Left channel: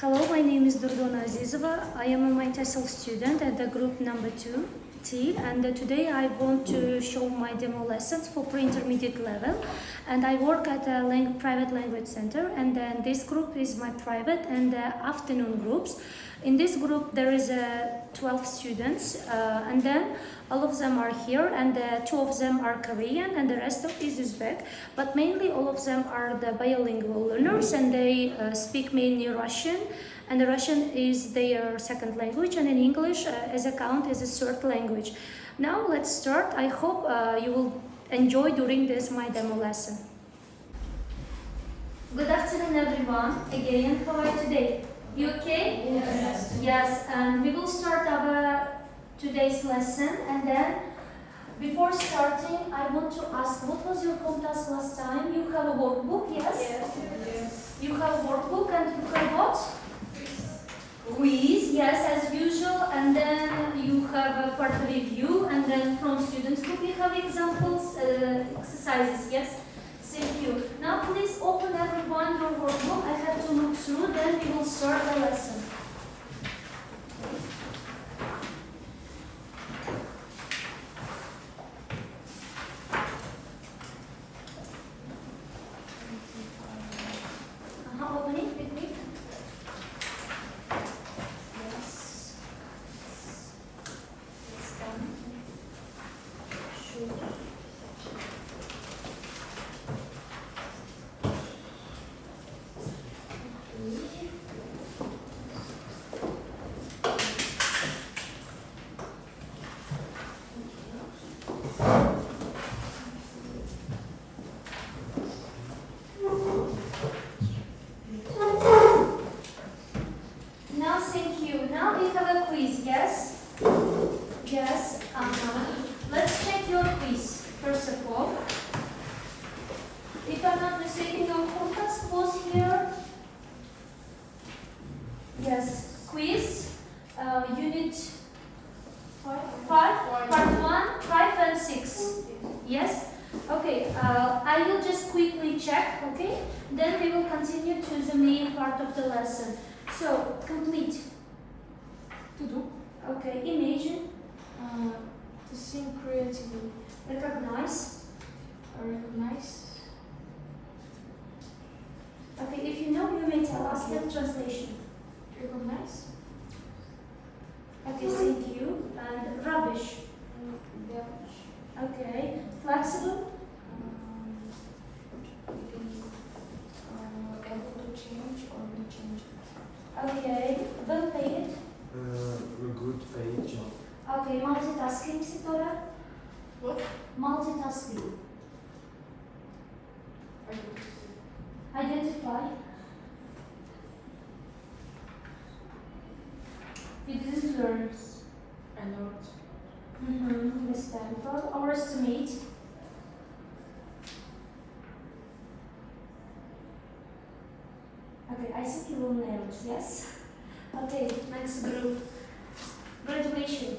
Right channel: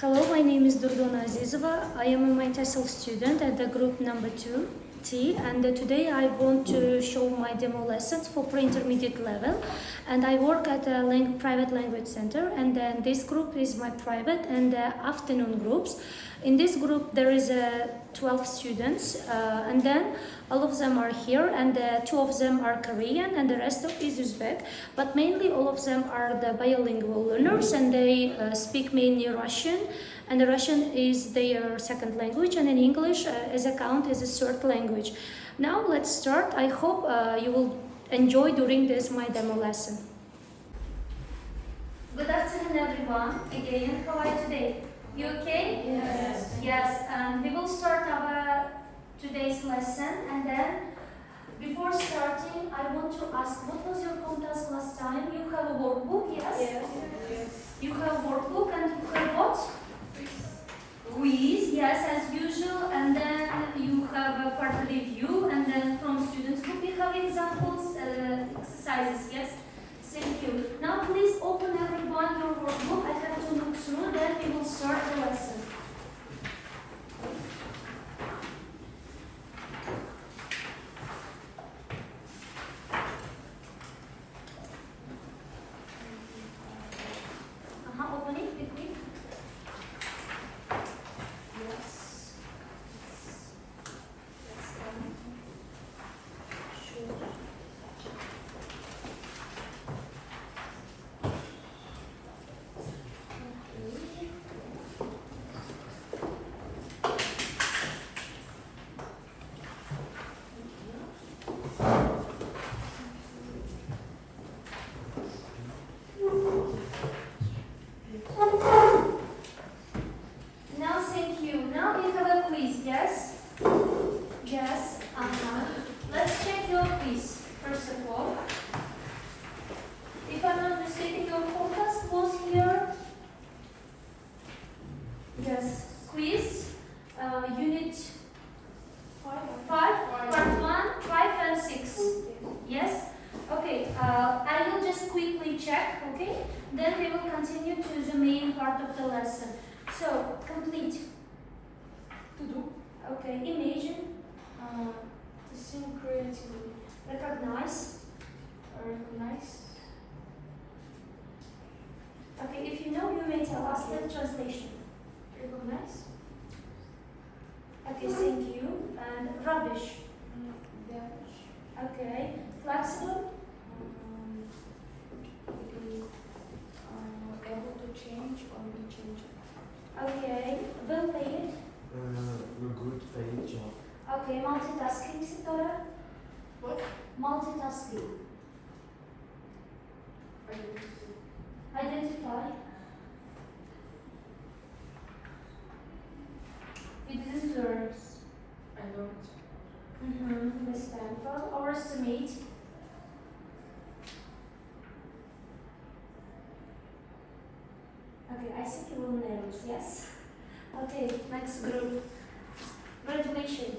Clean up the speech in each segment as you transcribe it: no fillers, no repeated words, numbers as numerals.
Hello, my name is Durdona Azizova. I am a MyTESOL student at the group number 2T, and today I want to show my demo lessons for pre-intermediate level. And I work at a private language center, and then this group is my private and afternoon groups. In this group there is 12 students, and then all of them are here, and 2 of them are Korean and the rest of is Uzbek, but mainly all of them are the bilingual learners, and they speak mainly Russian, and the Russian is their second language, and in English as a count is a third language. Now let's start. I hope you will enjoy during this my demo lesson. Good afternoon everyone. Again, how are you today? You okay? Yes. Yes, and we will start our today's lesson, and then before starting I want to ask, what was your task last time? You have a workbook, yes? Yes. You have a workbook and you have what? Quiz, yes, as usual, and then you have a part review, and then from students group you have examples, exercises, yes? Thank you. Now please open everyone your workbook. I have to look through, then we will start the lesson. Open it quickly. Yes. Let's come. Sure. Now, thank you. Now we have a quiz, yes? Yes. Let's check your quiz, first of all. If I'm not mistaken, your podcast was here. Yes. Quiz, unit 5, part 1, 5 and 6. Yes? Okay, I will just quickly check, okay? Then we will continue to the main part of the lesson. So, complete. To do. Okay, imagine, To think creatively. recognize. Recognize. Okay, if you know, you may tell us the translation. Recognize. Okay, thank you. And rubbish. Damage. Okay, flexible. Be able to change or be changed. Okay, well paid. Good paid job. Okay, multitasking, Sitora. What? Multitasking. Identify. We didn't learn. Alert. Understandable. Overestimate. Okay, I think you will nail it, yes? Okay, next group. Graduation.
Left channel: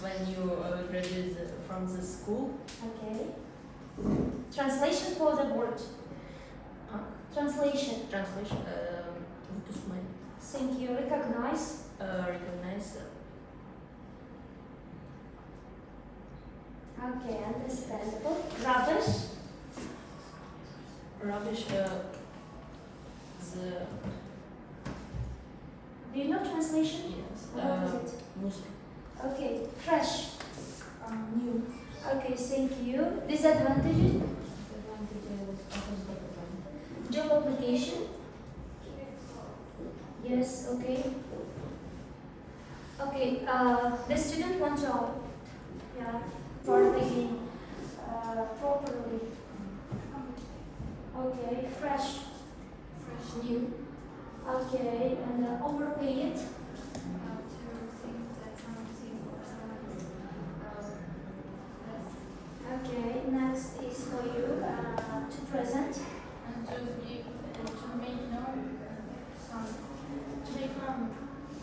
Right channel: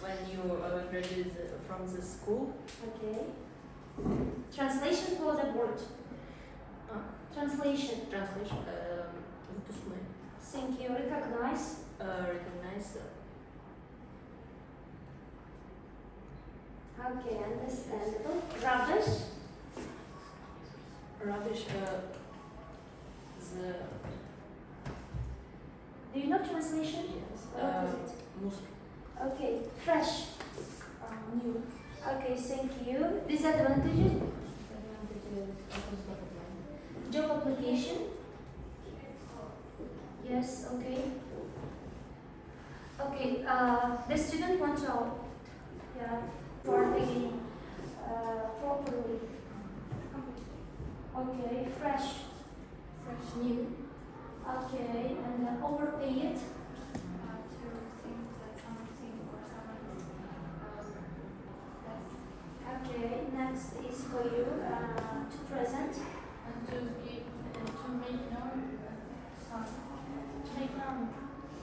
When you graduate from the school, Okay. Translation for the word. Translation. translation, выпускной, Thank you. Recognize. recognize, Okay, understandable. Rubbish. rubbish, the, Do you know translation? yes, What is it? мусор, Okay, fresh. New. Okay, thank you. Disadvantages. Job application. Yes, okay. Okay, the student wants to part again properly. Okay, fresh. Fresh. New. Okay, and overpaid. To think that something or someone is less. Okay, next is for you to present. And to give to make known something. To make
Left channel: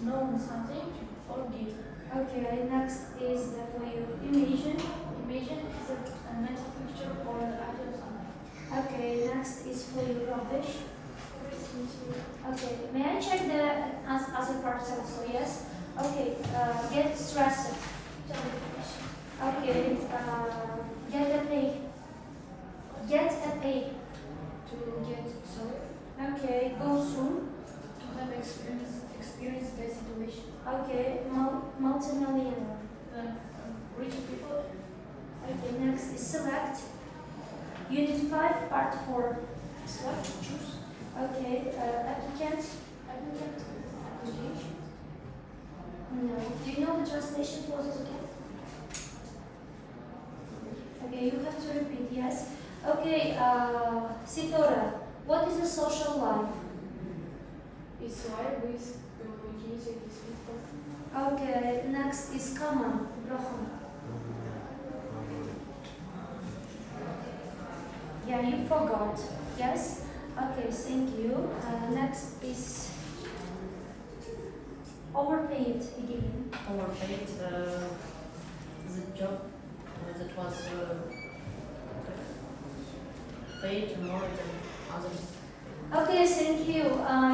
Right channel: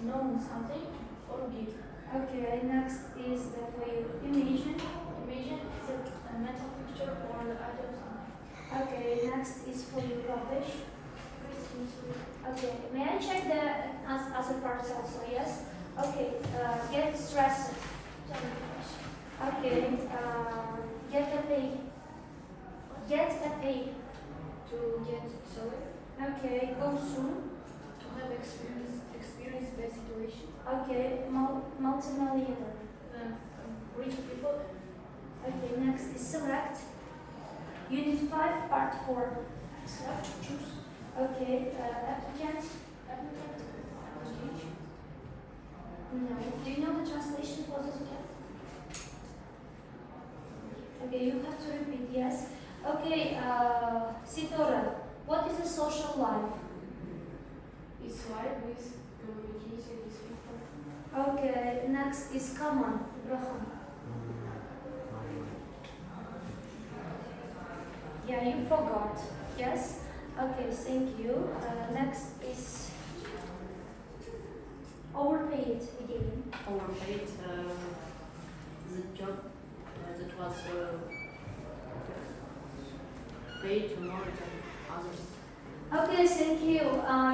known something or give. Okay, next is for you imagine. Imagine is a mental picture or the idea of something. Okay, next is for you rubbish. Okay, may I check the other parts also? Yes. Okay. Get stressed. Okay. Get a pay. Get a pay. To get salary, Okay. Go soon. to have experience the situation, Okay. Multimillionaire. rich people, Okay. Next is select. Unit 5, Part 4. select, choose, Okay. Applicant. application, No. Do you know the translation for this again? Okay, you have to repeat, yes. Okay, Sitora, what is a social life? it's life with unity with people, Okay, next is common, Rohan. Yeah, you forgot, yes? Okay, thank you. Next is overpaid again. Overpaid the job that was paid more than others. Okay, thank you.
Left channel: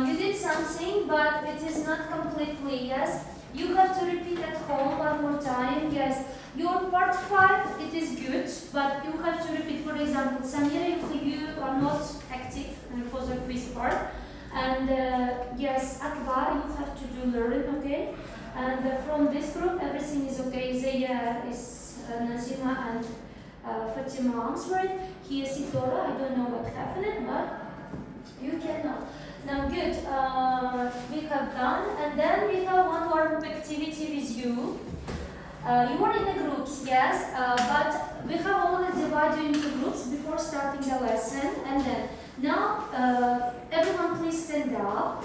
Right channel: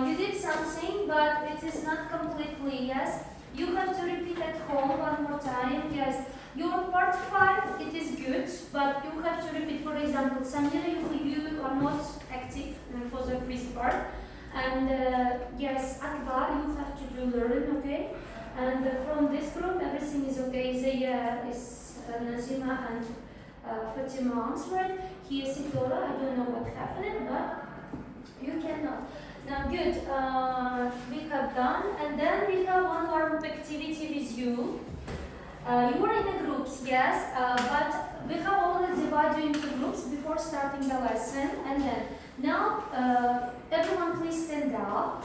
You did something, but it is not completely, yes? You have to repeat at home one more time, yes. Your part 5, it is good, but you have to repeat. For example, Samira, you are not active for the quiz part. And yes, Akbar, you have to do learn, okay? And from this group, everything is okay. Zaya is Nazima and Fatima answered. Here is Sitora, I don't know what happened, but you cannot. Now, good. We have done, and then we have one more activity with you. You are in the groups, yes, but we have already divided into groups before starting the lesson. And then now, everyone, please stand up.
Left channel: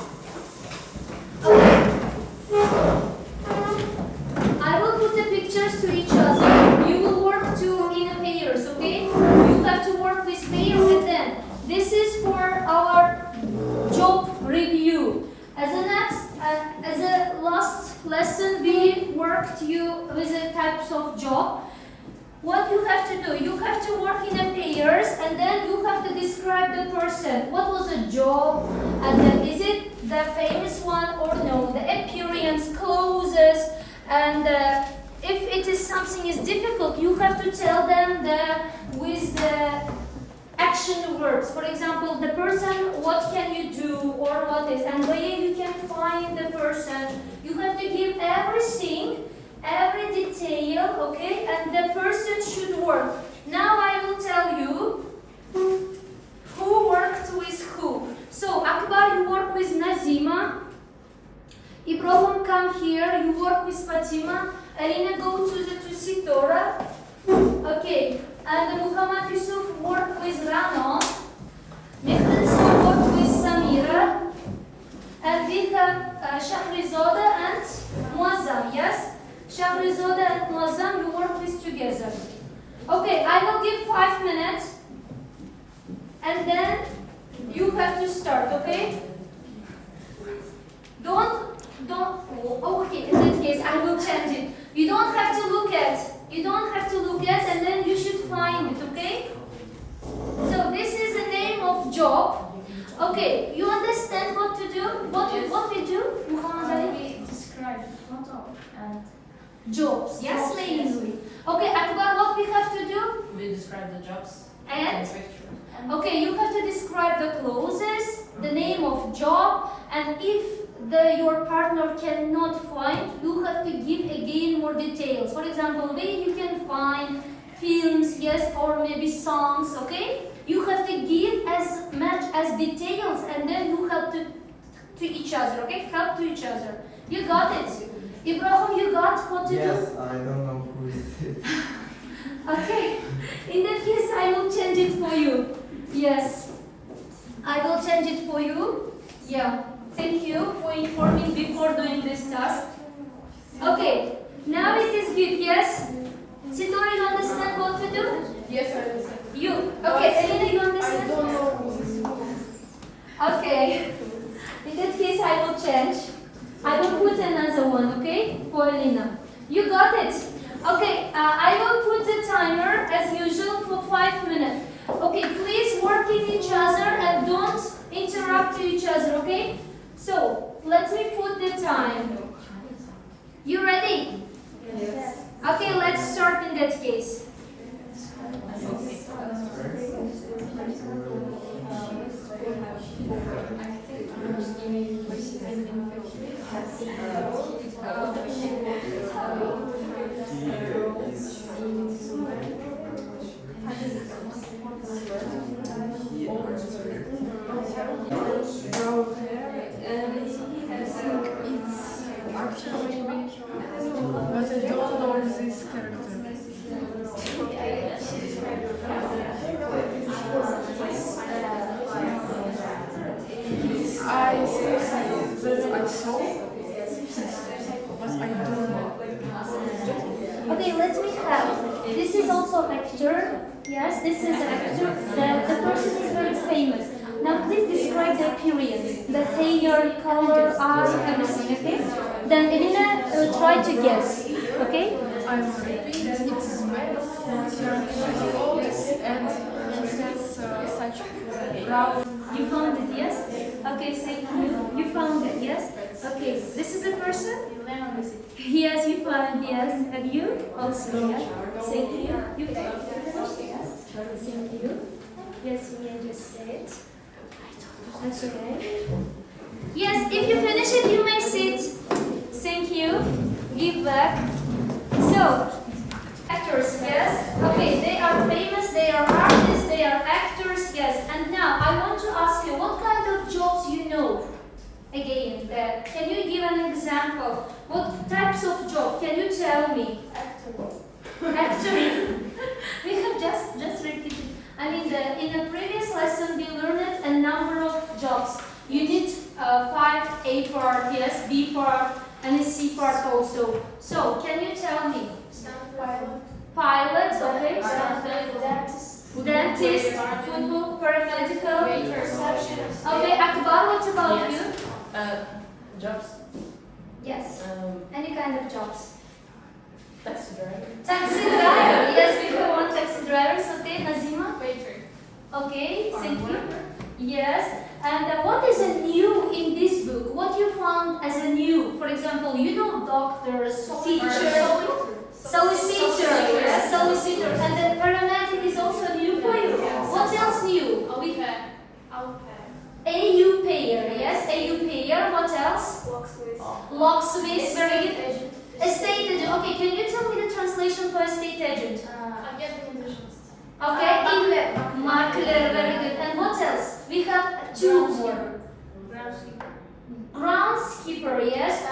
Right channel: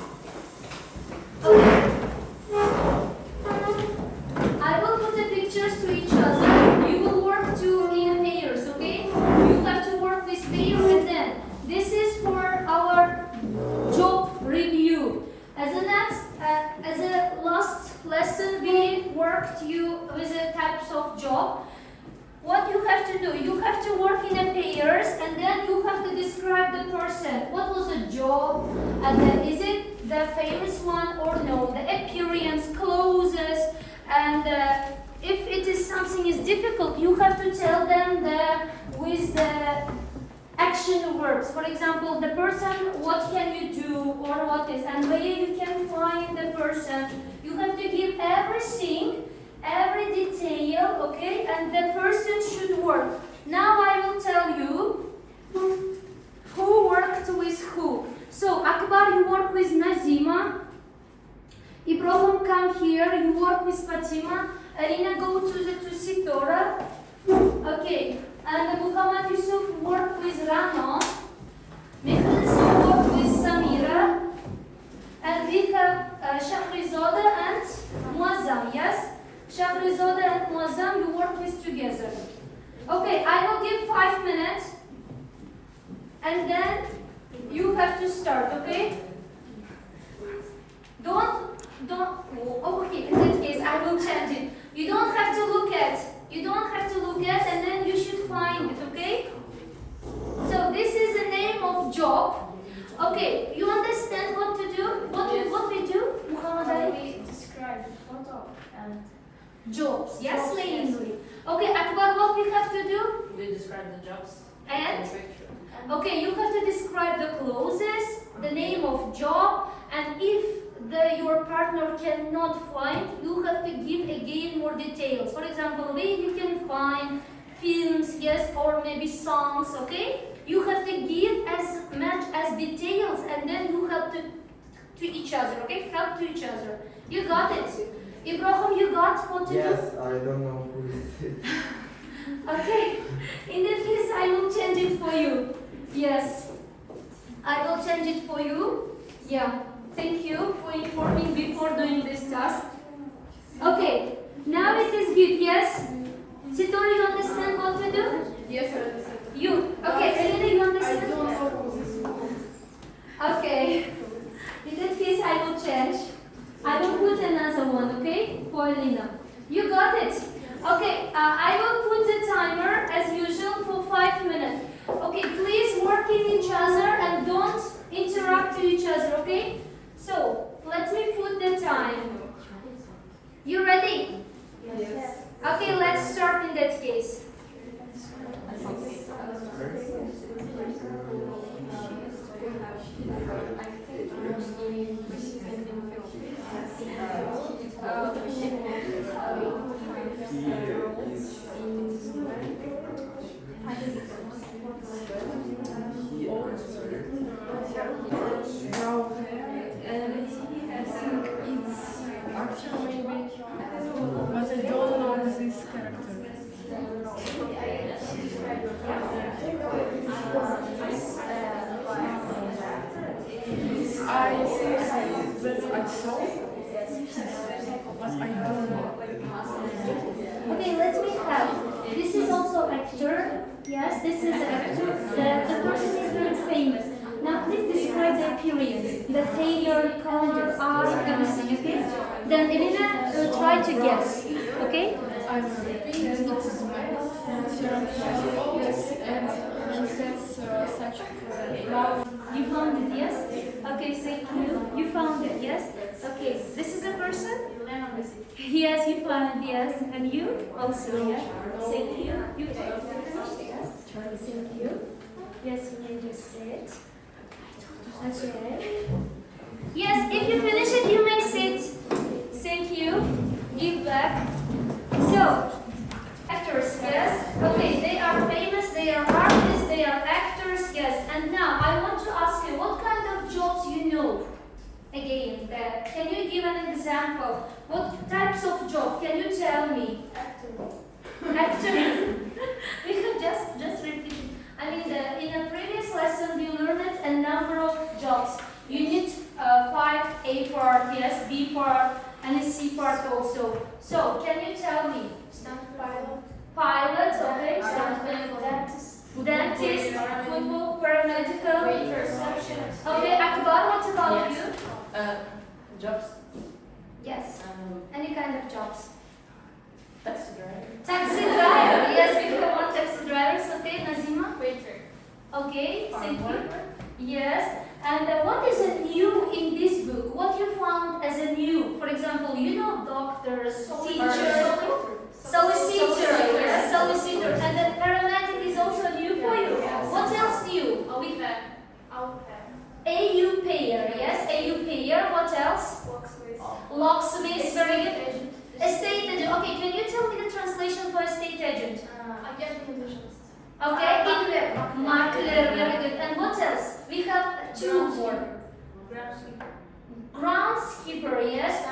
Okay. I will put the pictures to each other. You will work in pairs, okay? You have to work with pairs, and then this is for our job review. As a last lesson, we worked you with the types of job. What you have to do, you have to work in a pairs, and then you have to describe the person. What was the job, and then is it the famous one or no? The appearance, clothes, and if it is something is difficult, you have to tell them with the action verbs. For example, the person, what can you do, or what is, and where you can find the person. You have to give everything, every detail, okay? And the person should work. Now I will tell you who worked with who. So Akbar, you work with Nazima. Ibrahim, come here. You work with Fatima. Alina, go to Sitora. Okay. And Muhammad Yusuf worked with Rano. Mehran worked with Samira. And we have Shahrizoda and Muazzam, yes? Shahrizoda and Muazzam, you work with together. Okay, I will give 5 minutes. And then you have to start, okay? Oh, okay, in that case, I will change it. You don't have to look at. And then you should find it, okay? So this is the name of job. Okay, you understand what to do? What we do? Muhammad Ali? we describe photo and Jobs, yes, Jobs, plainly. Okay, Akbar, what we have to do? We describe the jobs And? in picture. Okay, you have to describe the clothes, the name of job, and if your partner cannot find, you have to give again more details. For example, where you can find films, yes, or maybe songs, okay? You have to give as much as details, and then you help to each other, okay? Help to each other. You got it? Ibrahim, you got what to do? Yes, I don't know who is it. Okay, in that case, I will change it for you. Yes, I will change it for you. Yeah, thank you for informing before doing this task. Okay, now it is good, yes? Sitora, you understand what to do? yes, I understand. You, okay, Elena, you I understand? don't know who is who. Okay, in that case, I will change. I will put another one, okay, for Elena. You got it? Okay, I will put the timer as usual for 5 minutes. Okay, please work with each other and don't interrupt each other, So, let me put the time. You ready? Yes. Okay, let's start in that case. Actually, but I don't know this character. I think that I saw, but I don't know. Okay, let me have. This is also actor. Yes, this is actor. The person is very famous. Now please describe the appearance, the hair, color, eye, everything. Okay. Then Elena will try to guess. Okay. I'm repeating it's male, yes, and he has such brown. You found it, yes? Okay, thank you. You found it, yes? Okay, this is a person? Yes, you found it, yes. And you? Also, yes? Thank you. You finished, yes? Thank you. Yes, you may just sit. Okay. Yes, if you finish it, you may sit. Thank you. Give back. So, actors, yes? Okay, they are famous, they are artists, they are actors, yes. And now, I want to ask you, what kind of jobs you know? Again, can you give an example? What types of job? Can you tell me? Actor. We have just repeated. I mean, in a previous lesson, we learned a number of jobs. You need 5 A part, yes, B part, and a C part also. So, can you tell me? Pilot, okay. Dentist, football, paramedical. Okay, Akbar, what about you? Jobs. Yes. Any kind of jobs. Taxi driver. Taxi driver. Yes, we have one taxi drivers. Okay, Nazima. Waiter. Okay, thank you. Yes. And what is a new in this book? What you found as a new? For example, you know doctors, teachers, solicitor. Yes, solicitor. And the paramedic is also new for you. What else new? AU payer. Yes, AU payer. What else? Locksmith. Very good. Estate agent. Okay, can you tell me the translation for estate agent? Okay, makler. Very good. And what else? We have 2 more. Groundskeeper. Yes.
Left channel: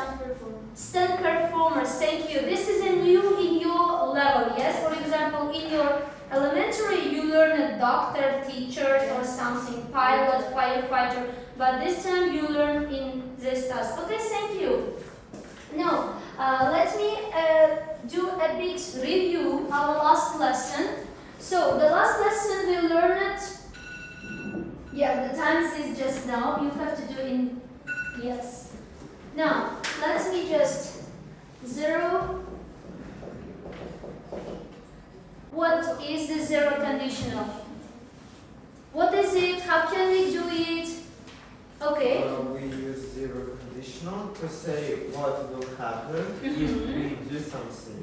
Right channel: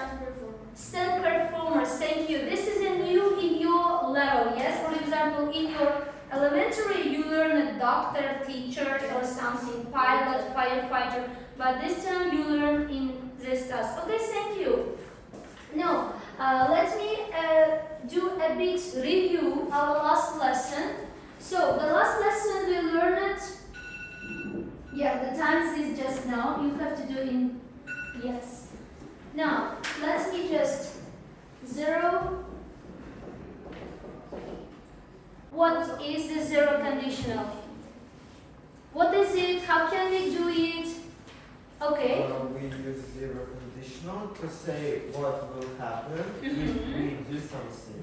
Stand performers. Thank you. This is a new in your level. Yes. For example, in your elementary, you learn a doctor, teacher, or something, pilot, firefighter. But this time you learn in this task. Okay, thank you. Now, let me do a bit review our last lesson. So, the last lesson we learned, yeah, the times is just now. You have to do in, yes. Now, let me just zero. What is the zero conditional? What is it? How can we do it? Okay. We use zero conditional to say what will happen if we do something.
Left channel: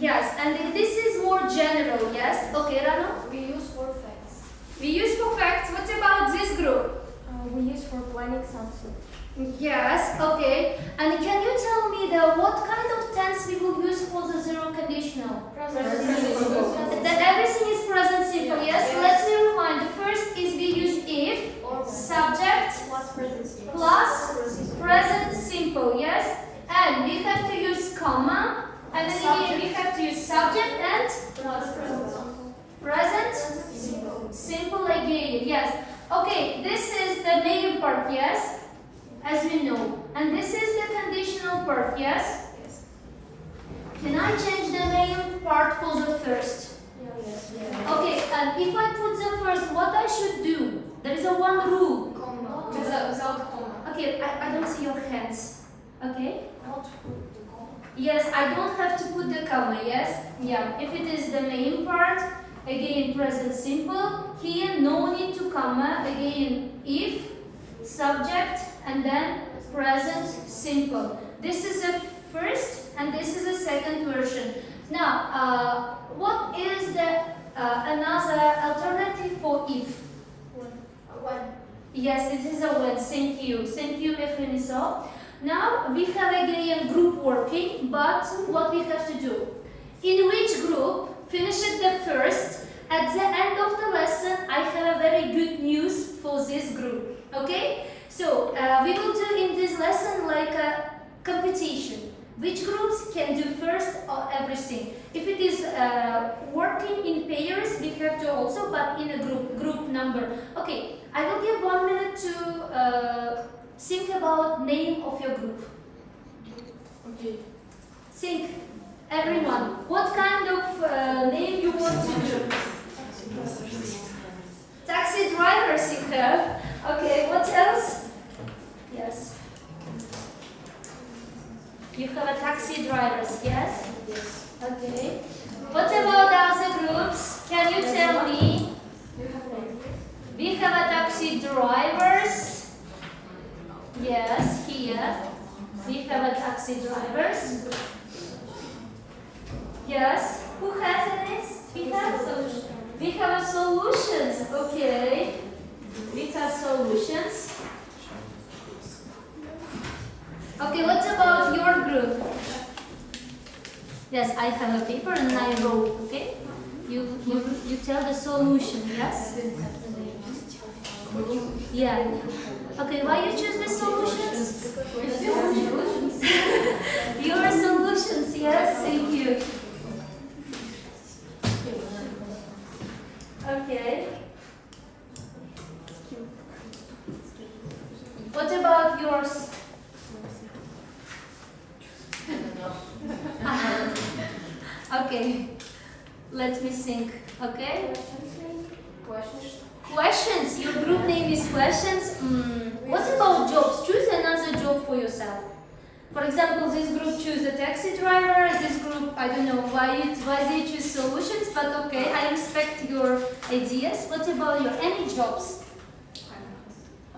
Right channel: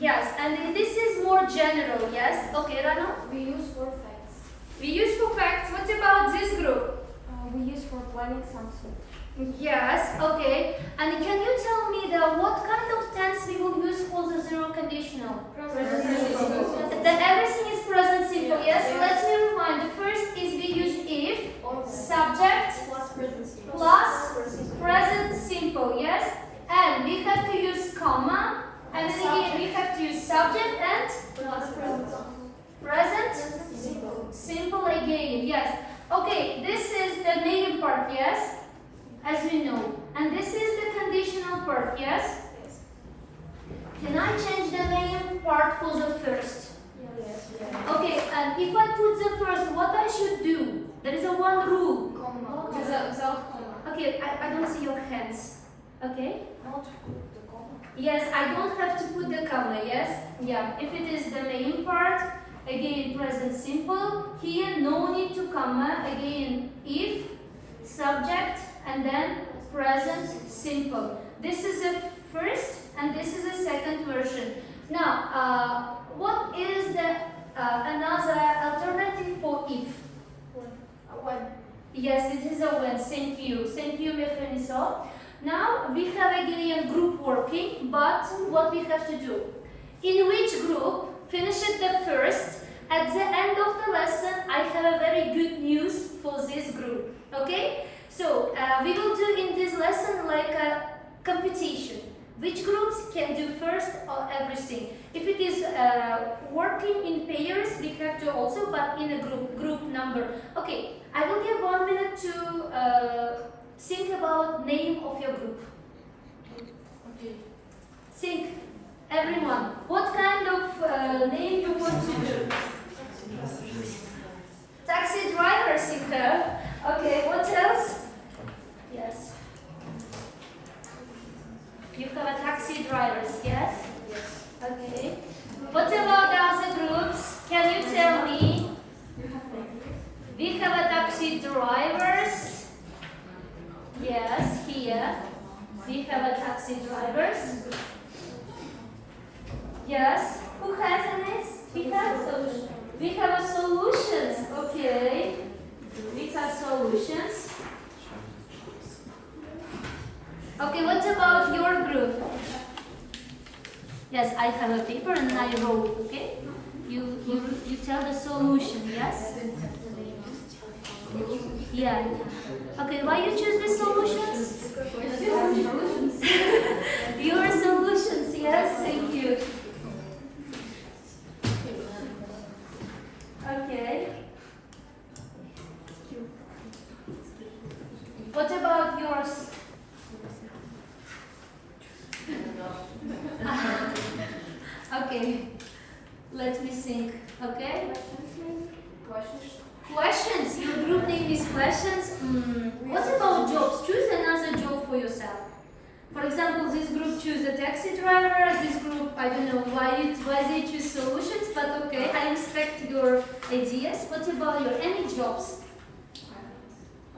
Yes, and this is more general, yes? Okay, Rano? We use for facts. We use for facts. What about this group? We use for planning something. Yes, okay. And can you tell me what kind of tense we will use for the zero conditional? That everything is present simple, yes? Let me remind. The first is we use if, subject, plus present simple, yes? And we have to use comma, and then again we have to use subject and present simple again, yes. Okay, this is the main part, yes? As we know. And this is the conditional part, yes? Can I change the main part for the first? Yes. Okay, and if I put the first, what I should do? There is a one rule. Without comma. Okay, I don't see your hands. Okay? Not put the comma. Yes, I don't have to put the comma, yes? Yeah, if it is the main part, again present simple. Here, no need to comma. Again, if, subject, and then present simple. This is the first and this is the second version. Now, what is the another alternative for if? When? Yes, it is a when. Thank you. Thank you, Efreniso. Now we have again group working, but what we have to do? In which group finish it the first? At the end of the lesson, I have a very good news for this group. Okay? So we will do in this lesson like a competition. Which groups can do first or everything? If it is working in pairs, we have to also, but in a group number. Okay, I will give 1 minute to think about name of your group. Okay. Think, everyone. What kind of name you want to do? Taxi drivers you have. Okay, what else? Yes. You have a taxi drivers, yes? Yes. Okay. What about other groups? Can you tell me? We have a taxi drivers. Yes, here. We have a taxi drivers. Yes. Who has a next? We have a solutions. Okay. We have solutions. Okay, what about your group? Yes, I have a paper and I wrote, okay? You tell the solution, yes? Yeah. Okay, why you choose the solutions? Your solutions, yes, thank you. Okay. What about yours? Okay, let me think. Okay, questions. Your group name is questions. What about jobs? Choose another job for yourself. For example, this group choose a taxi driver. This group, I don't know why they choose solutions, but okay, I respect your ideas. What about your any jobs?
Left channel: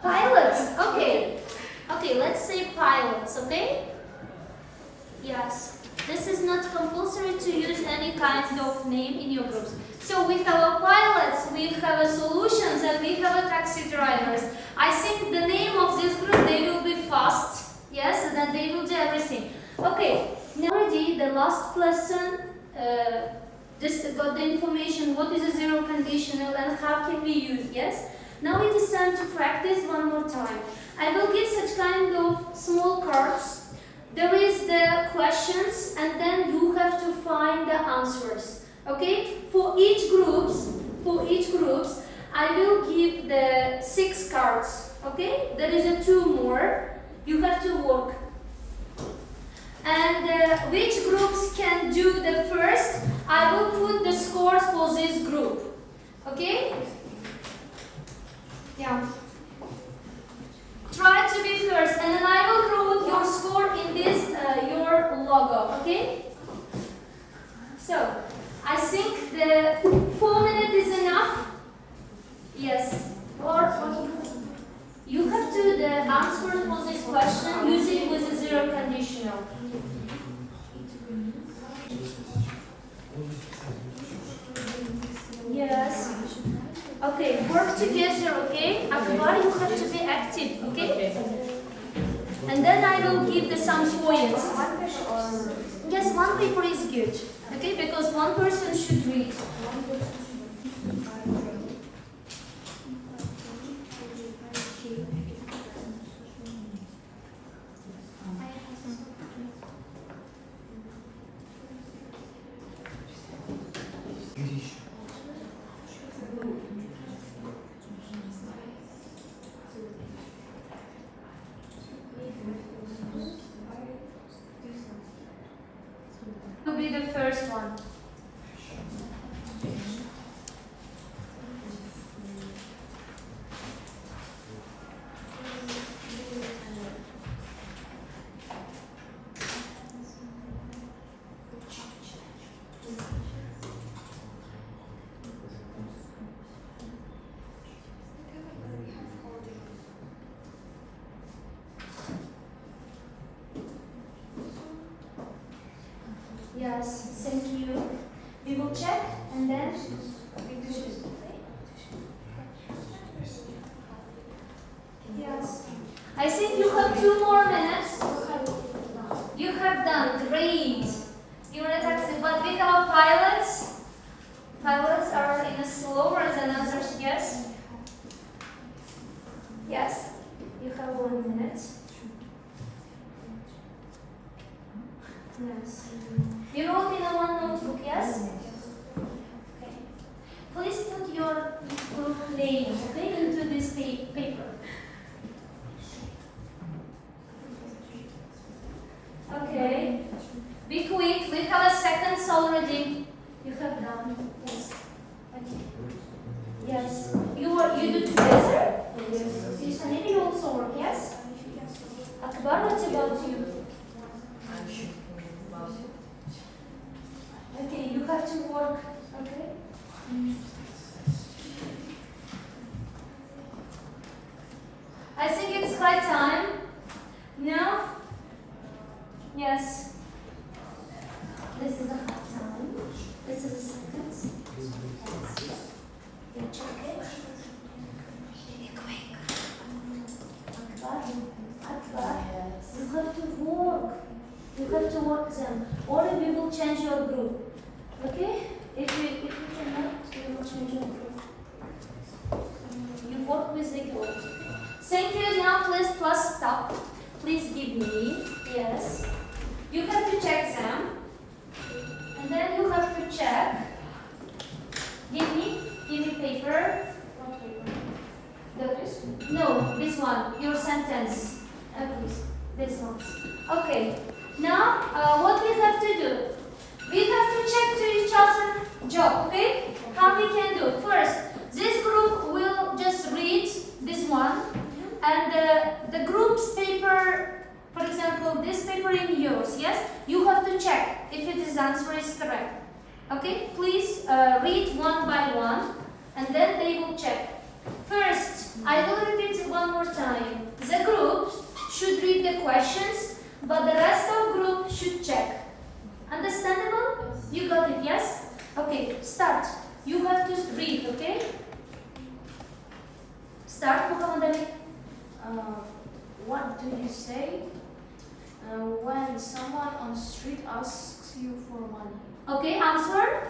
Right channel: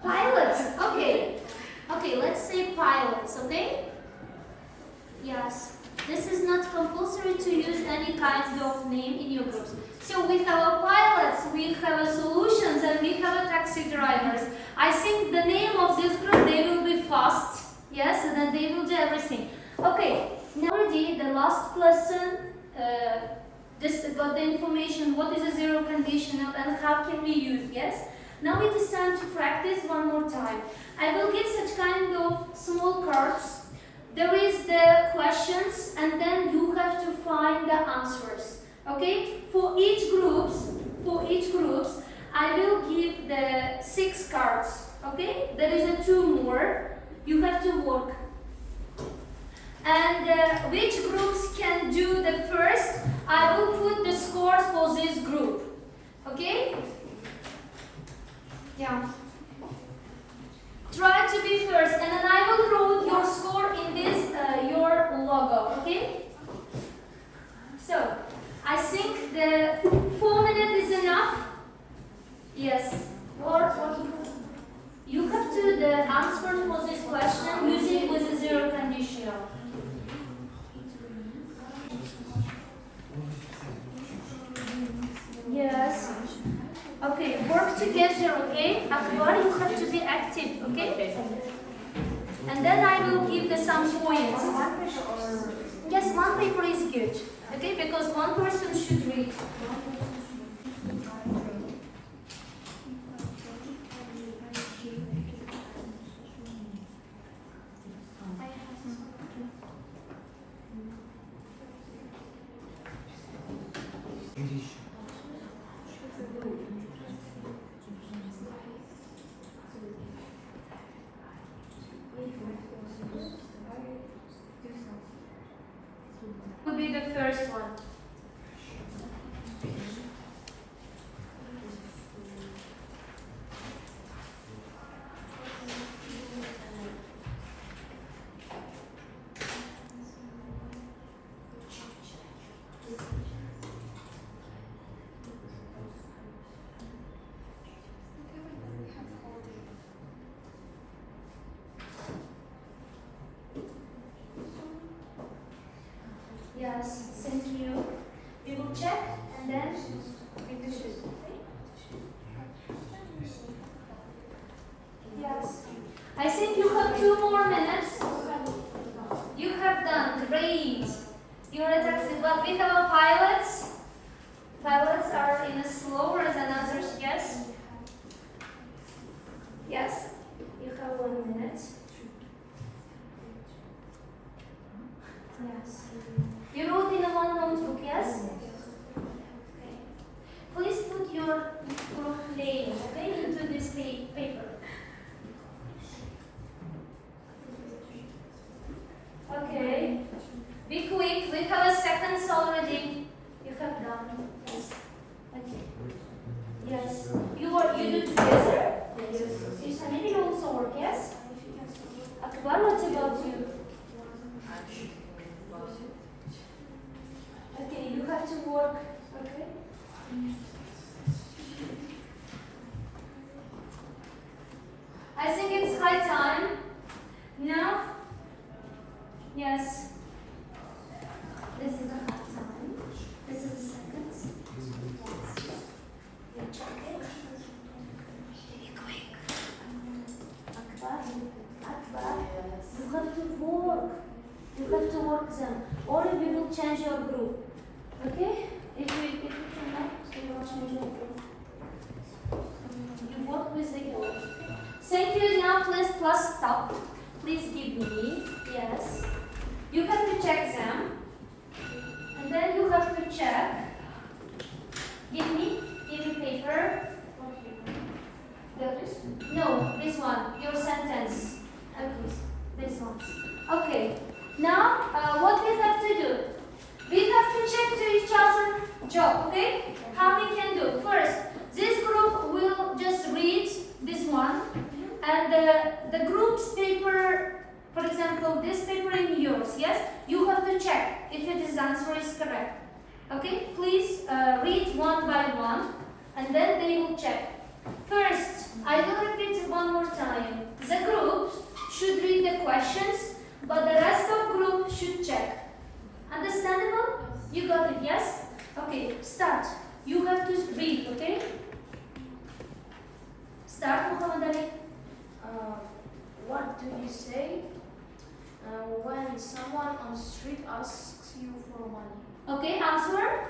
Pilots. Okay. Okay, let's say pilots. Okay. Yes. This is not compulsory to use any kind of name in your groups. So we have a pilots, we have a solutions, and we have a taxi drivers. I think the name of this group, they will be fast, yes, and then they will do everything. Okay, now already the last lesson, just got the information, what is a zero conditional and how can we use, yes? Now it is time to practice one more time. I will give such kind of small cards. There is the questions and then you have to find the answers. Okay? For each groups, I will give the 6 cards. Okay? There is a 2 more. You have to work. And which groups can do the first? I will put the scores for this group. Okay? Yeah. Try to be first, and then I will write your score in this your logo. Okay? So I think the 4 minutes is enough. Yes. Or you have to the answer for this question using with a zero conditional. Yes. Okay, work together, okay? Everybody, you have to be active, okay? And then I will give the some points. Yes, 1 paper is good, okay? Because 1 person should read. Will be the first one. Yes, thank you. We will check and then we do this. Yes. I think you have 2 more minutes. You have done great. You're a taxi, but we have a pilots. Pilots are in a slower than others, yes? Yes. You have 1 minute. Yes. You wrote in a 1 notebook, yes? Okay. Please put your group names, okay, into this paper. Okay. Be quick. We have a seconds already. You have done. Yes. Okay. Yes. You do together? Yes. You study also work, yes? Akbar, what about you? Okay, you have to work. Okay. I think it's high time. Now. Yes. This is a high time. This is a seconds. Yes. You check it. Be quick. Akbar. Akbar. You have to work. You have to work them. Or we will change your group. Okay? If you cannot, we will change your group. You work with the girls. Thank you. Now please plus stop. Please give me. Yes. You have to check them. And then you have to check. Give me paper. What paper? This? No, this one. Your sentence. Please. This one. Okay. Now, what we have to do? We have to check to each other job, okay? How we can do? First, this group will just read this one, and the group's paper, for example, this paper in yours, yes? You have to check if its answer is correct. Okay? Please read one by one, and then they will check. First, I will repeat it one more time. The group should read the questions, but the rest of group should check. Understandable? You got it, yes? Okay, start. You have to read, okay? Start, Muhammad Ali. What do you say when someone on the street asks you for money? Okay, answer.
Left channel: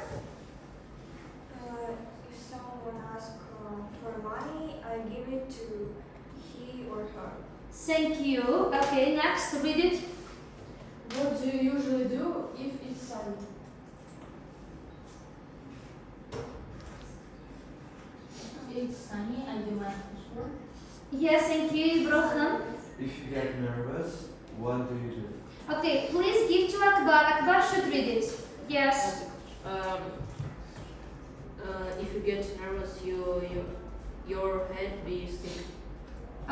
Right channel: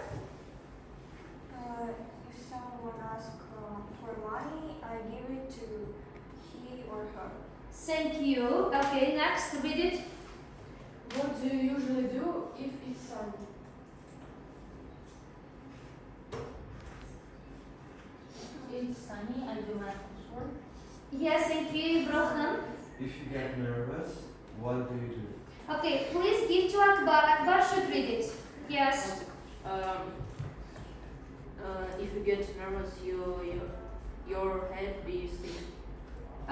If someone asks for money, I give it to he or her. Thank you. Okay, next, read it. What do you usually do if it's sunny? It's sunny, I do my housework. Yes, thank you, Ibrahim. If you get nervous, what do you do? Okay, please give to Akbar. Akbar should read it. Yes. If you get nervous, your head be stiff.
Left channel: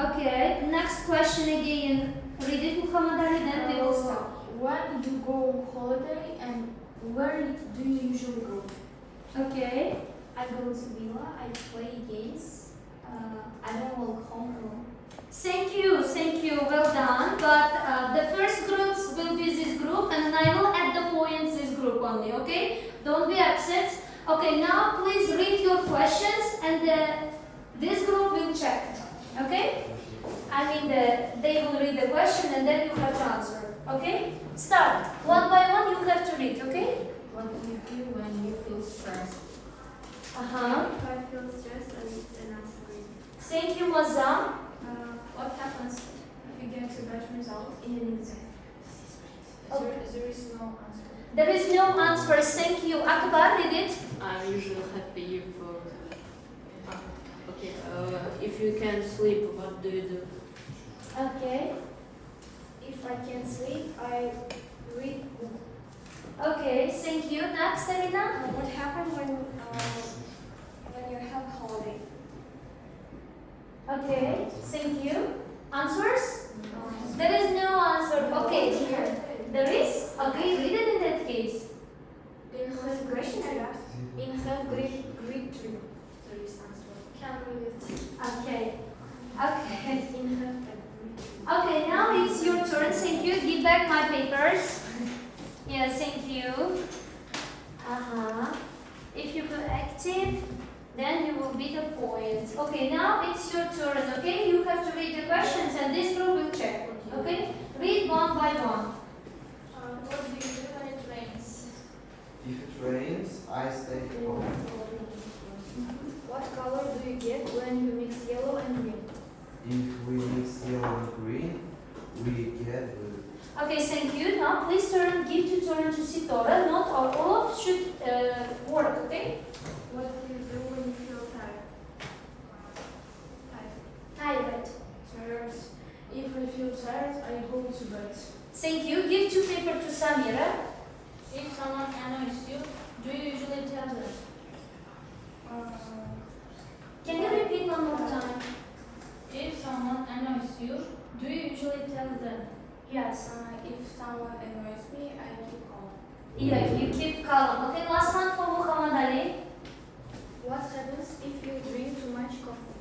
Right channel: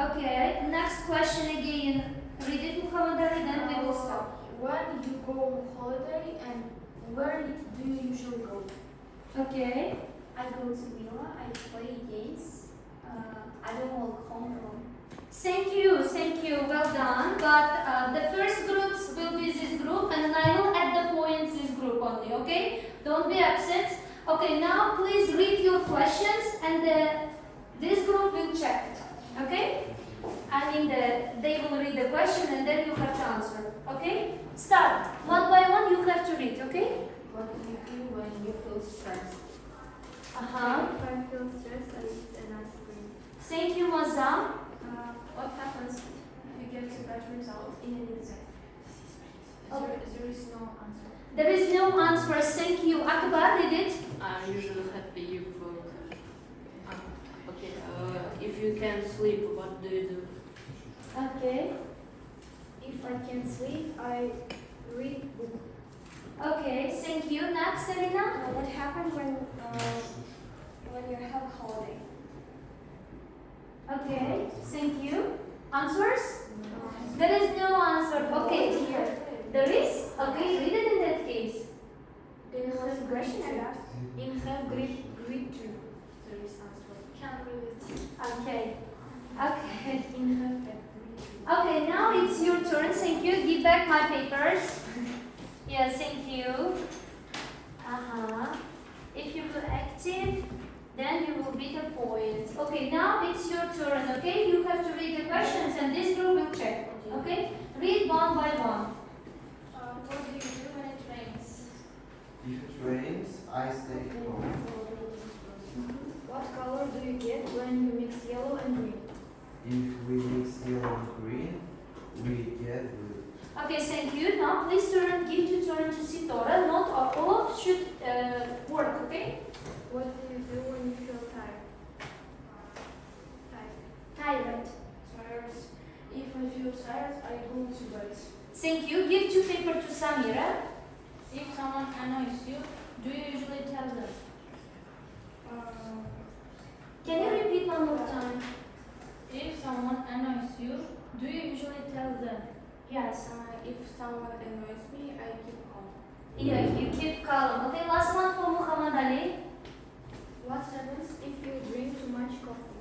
Okay, next question again. Read it, Muhammad Ali, then we will stop. When you go on holiday and where do you usually go? Okay. I go to villa, I play games, I don't walk home alone. Thank you, well done. But the first groups will be this group, and then I will add the points this group only, okay? Don't be upset. Okay, now please read your questions, and this group will check it, okay? I mean, they will read the question, and then you have to answer, okay? Start. One by one, you have to read, okay? What do you do when you feel stressed? If I feel stressed, I read an answer. Thank you, Mazam. What happens if you get a bad result in an exam? There is no answer. There is no answer. Thank you. Akbar, read it. I'm usually happy if if you can sleep, what do you do? Okay. If I can't sleep, I read book. Okay, thank you. Next, Serena. What happens when you have a holiday? Okay, thank you. Answers? There is no answer. Okay. There is? Okay, read it in that case. In have great in have great dream. There is answer. Can't read it. Okay. Okay. In have Okay, now it's your turn. Thank you. Give back my papers. Yeah, thank you. If you go active, then you will be the points. Okay, now it's your turn, okay? You have to read the questions and this group will check, okay? Read one by one. What do you do when it rains? If it rains, I stay home. What color do you get when you mix yellow and green? If we mix yellow and green, we get blue. Okay, thank you. Now please give tutorial to Sitora. Not all of should work, okay? What do you do when you feel tired? Tired. Tired. If I feel tired, I go to bed. Thank you. Give two paper to Samira. If someone annoys you, do you usually tell them? Can you repeat one more time? If someone annoys you, do you usually tell them? Yes. If someone annoys me, I keep calm. Yeah, you keep calm. Okay, last one for Muhammad Ali. What happens if you drink too much coffee?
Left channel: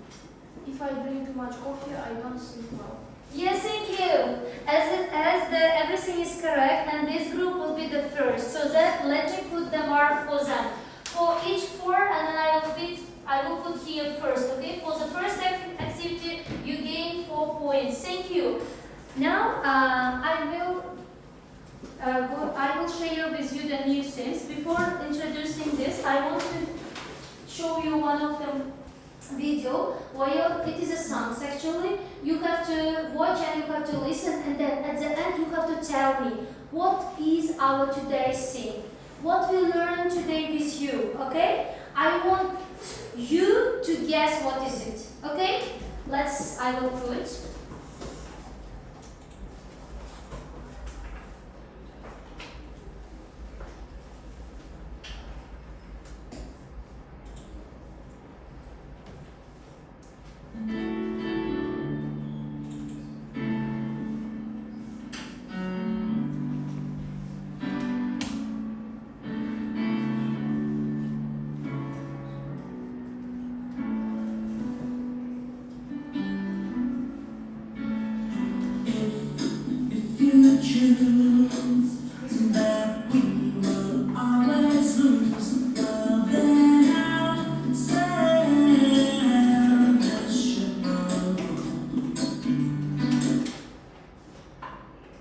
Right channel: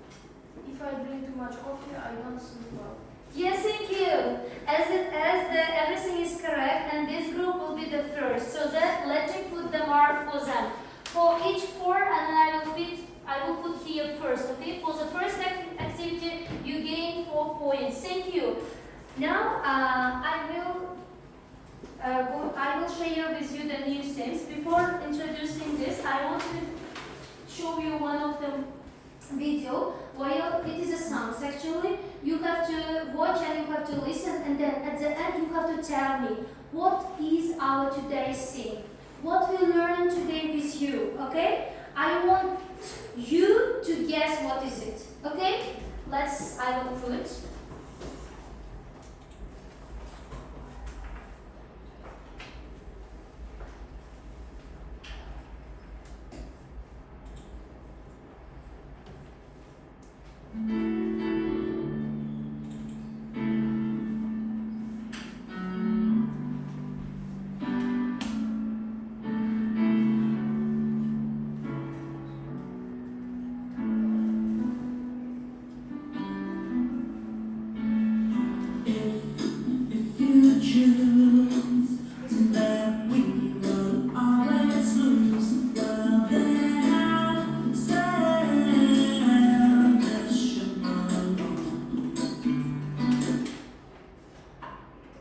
If I drink too much coffee, I don't sleep well. Yes, thank you. Everything is correct, and this group will be the first. So that let me put the mark for them. For each four, and I will put here first. Okay. For the first activity, you gain 4 points. Thank you. Now I will share with you the new things. Before introducing this, I want to show you one of the video where it is a song. Actually, you have to watch and you have to listen, and then at the end you have to tell me what is our today's thing, what we learn today with you. Okay? I want you to guess what is it. Okay? I will put.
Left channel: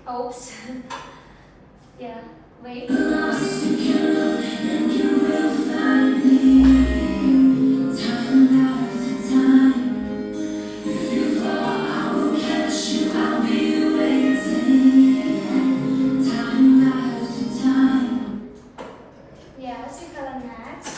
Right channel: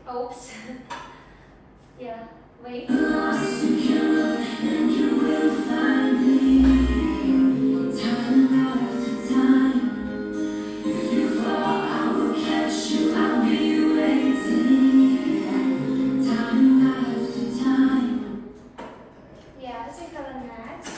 Oops. Yeah, wait. Yeah, so you have a next.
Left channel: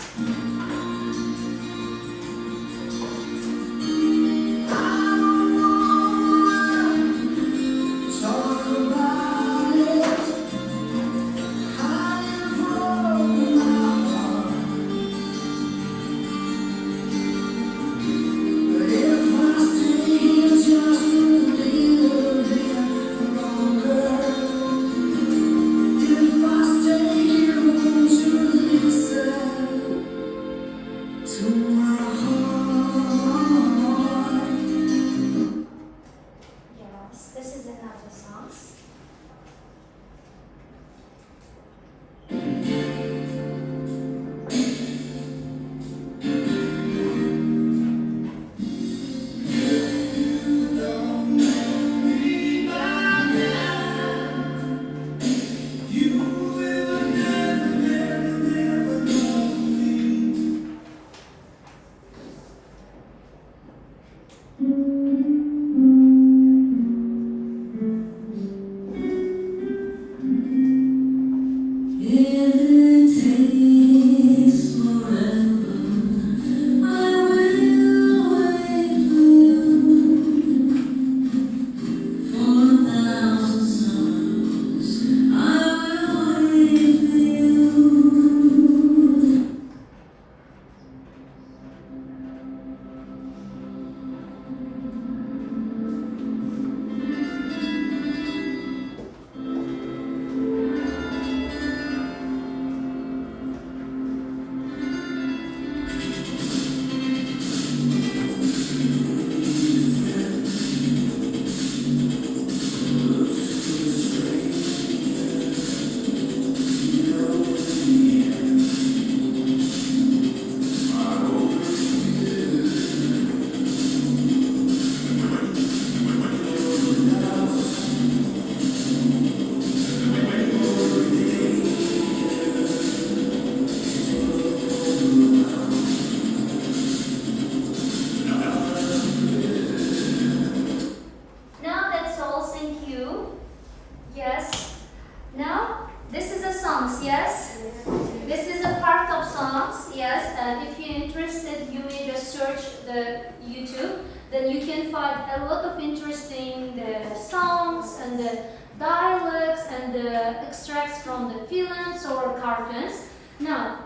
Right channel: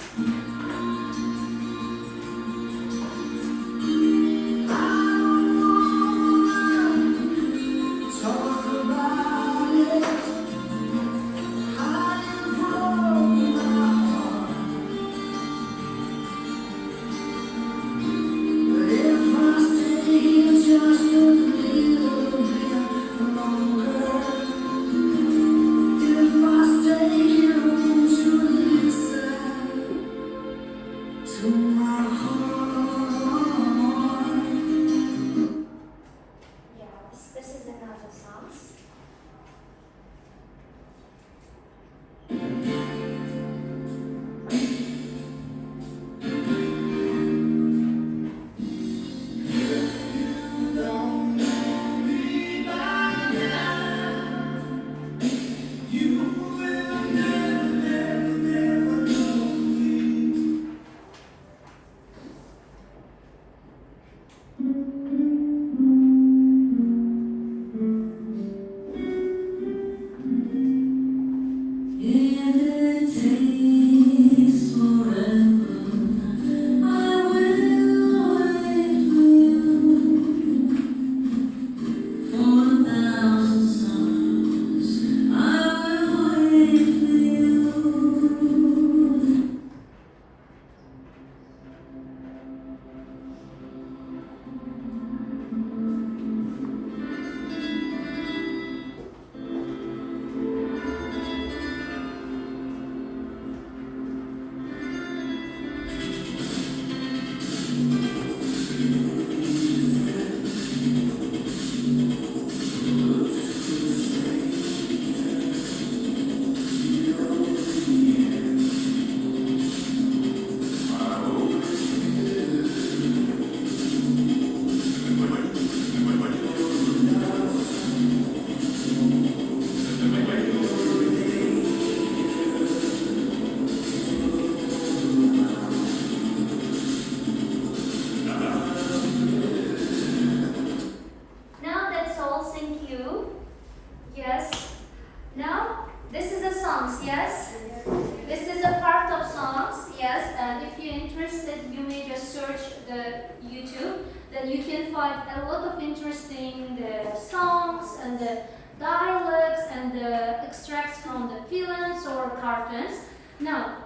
interesting the songs and the dialects and the extracts from the films or cartoons. Now,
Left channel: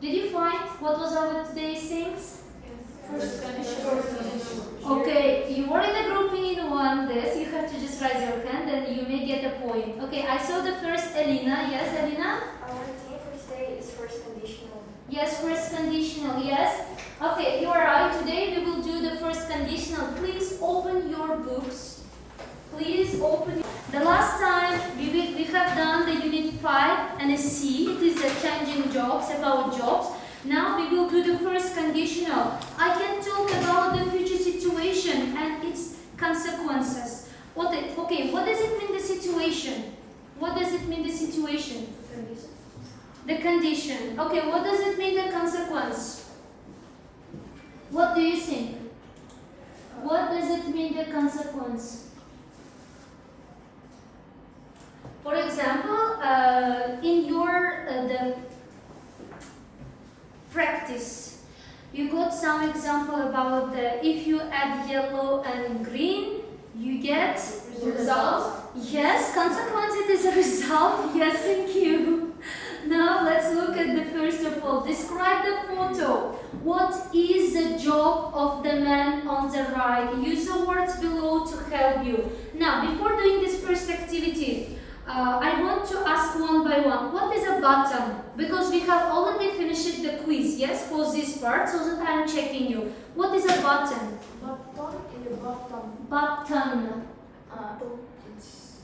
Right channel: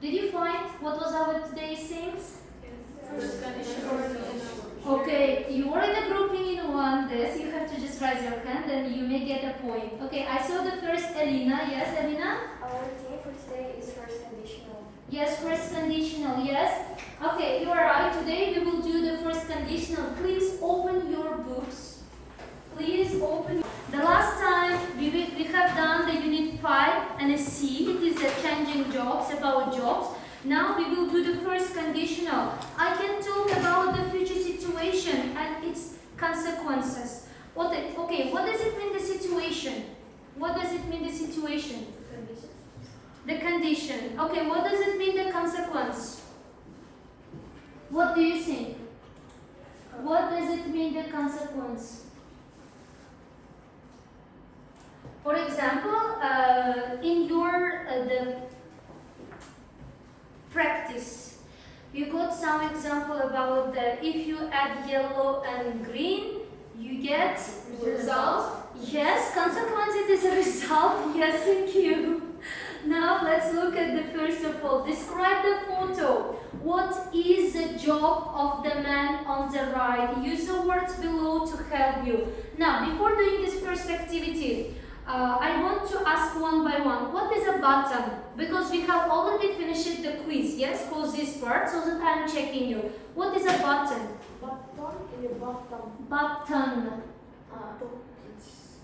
did you find what was our today's things? First condition. Okay, you are in a group in one this, you have to just raise your hand and you may get a point. Okay, I saw the first Elena. Yes, Elena? The first day is first conditional. Yes, first conditional, yes. Okay, you are right. Today we will do the first conditional. Please open your books. Please open. The last time we have done the unit 5 and a C. It is a changing jobs, about jobs. Now we will do the first conditional. I can talk about the future situation and its consequences. Okay, what does it mean, the situation? What does it mean, the situation? The condition. Okay, what does it mean, the consequence? What do you think? What does it mean, the consequence? For example, in your the practice, you got some example about the if you add yellow and green, you get Result. Yes, consequence it is a result. Yes, thank you. Now let's look at the first of all. Describe the photo. What is the job of the man on the right? Use the words below to help you. Now, before doing this first activity, I want to ask one by one. What is a button? Because we have already finished the quiz, yes, for this part, so that I'm checking you. What is a button? Button in the bottom. Button. It's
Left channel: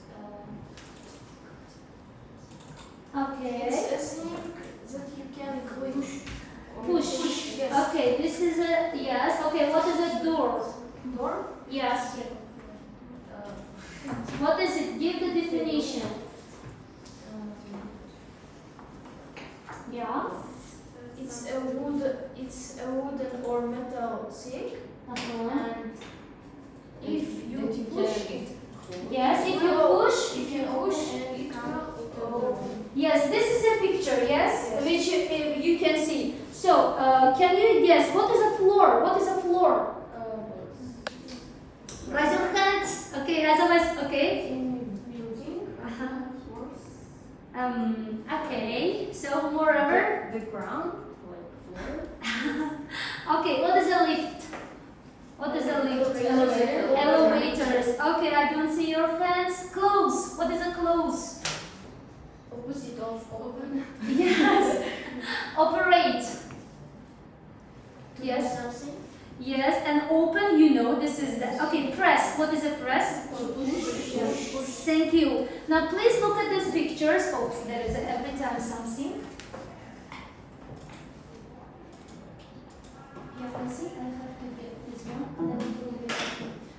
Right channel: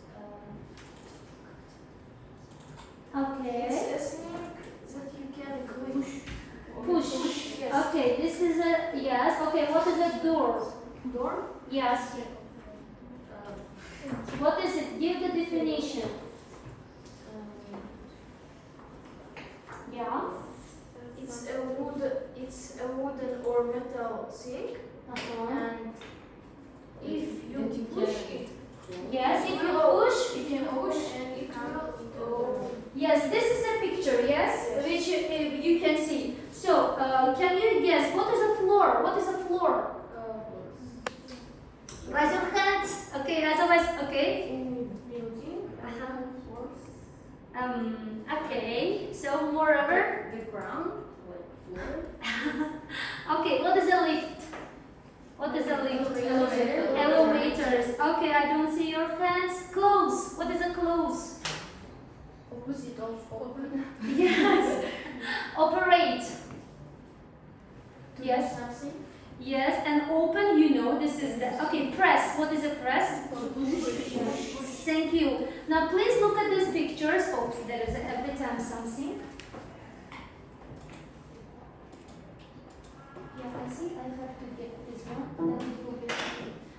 Okay. It's a thing that you can push. Push. Yes. Okay, this is a yes. Okay, what is a door? Door. Yes. What is it? Give the definition. Yeah. It's a wooden or metal stick, and if you push it, Yes, if you push. you can push and it will. Yes, this is a picture. Yes, which you can see. So, can you guess what is a floor? What is a floor? Raise your hand. Okay, otherwise, okay. In building. Okay. So, moreover. The ground, like floor. Okay, what is a lift? What is a lift? Elevator. Elevators. Okay, I don't see your hands. Close. What is a close? Opposite of open. Yes. Operate. Yes. Something. Yes, and open, you know, this is the. Okay, press. What is a press? Thank you. Now, please look at these pictures. Oops, there is every time something. Yeah, I see. I have to get this one. Then it will be.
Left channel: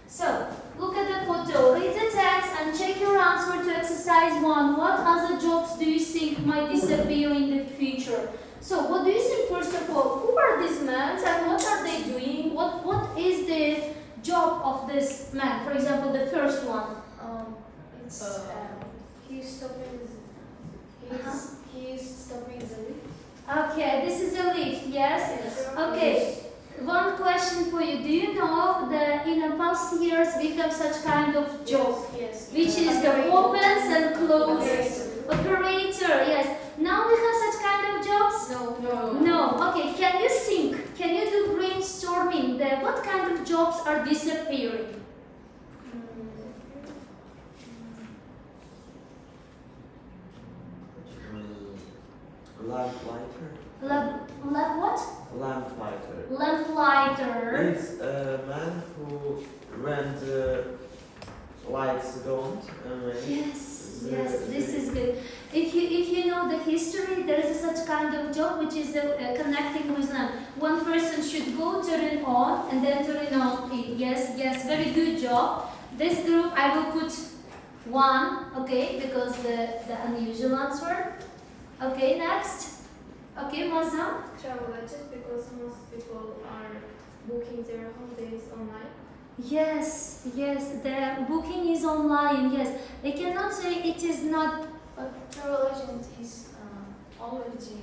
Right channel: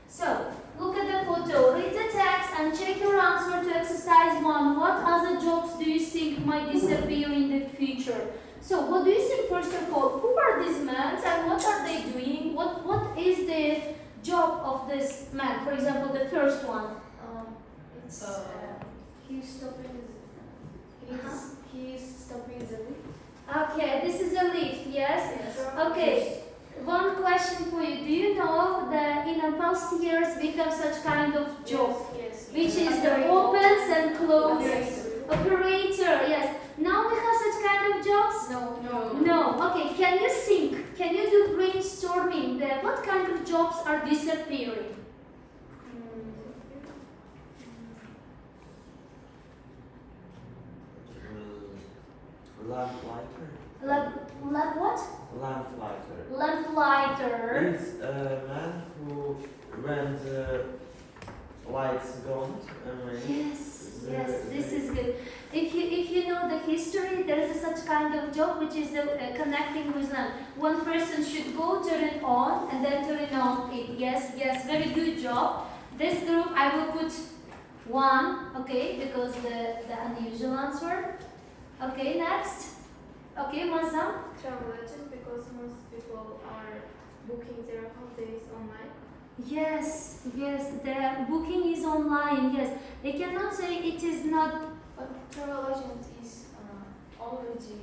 So, look at the photo. Read the text and check your answer to exercise 1. What other jobs do you think might disappear in the future? So, what do you think, first of all? Who are these men and what are they doing? What is the job of this man? For example, the first one. It's he's stopping. He's stopping the lift. Okay, this is a lift, yes? Okay, one question for you. Do you know that in the past years we have such kind of job, Yes. which is the opens and closes? Operator, yes. Now we have such kind of jobs? No. No. Okay, can you think? Can you do brainstorming? What kind of jobs are disappearing? Lamplighter. What? Lamplighter. Lamplighter. It's a man who when the lights don't. Yes, this is good. If you know the history, there is such kind of job which is connecting with lamp. One person should go turn it on and then turn it off. Yes, very good job. This group I will put 1, okay, because the unusual answer. Okay, next. Okay, Mazam. Travel agent, because most people are booking their holidays online. Yes, the booking is online. Yes, I cannot say it is not. But travel agent is already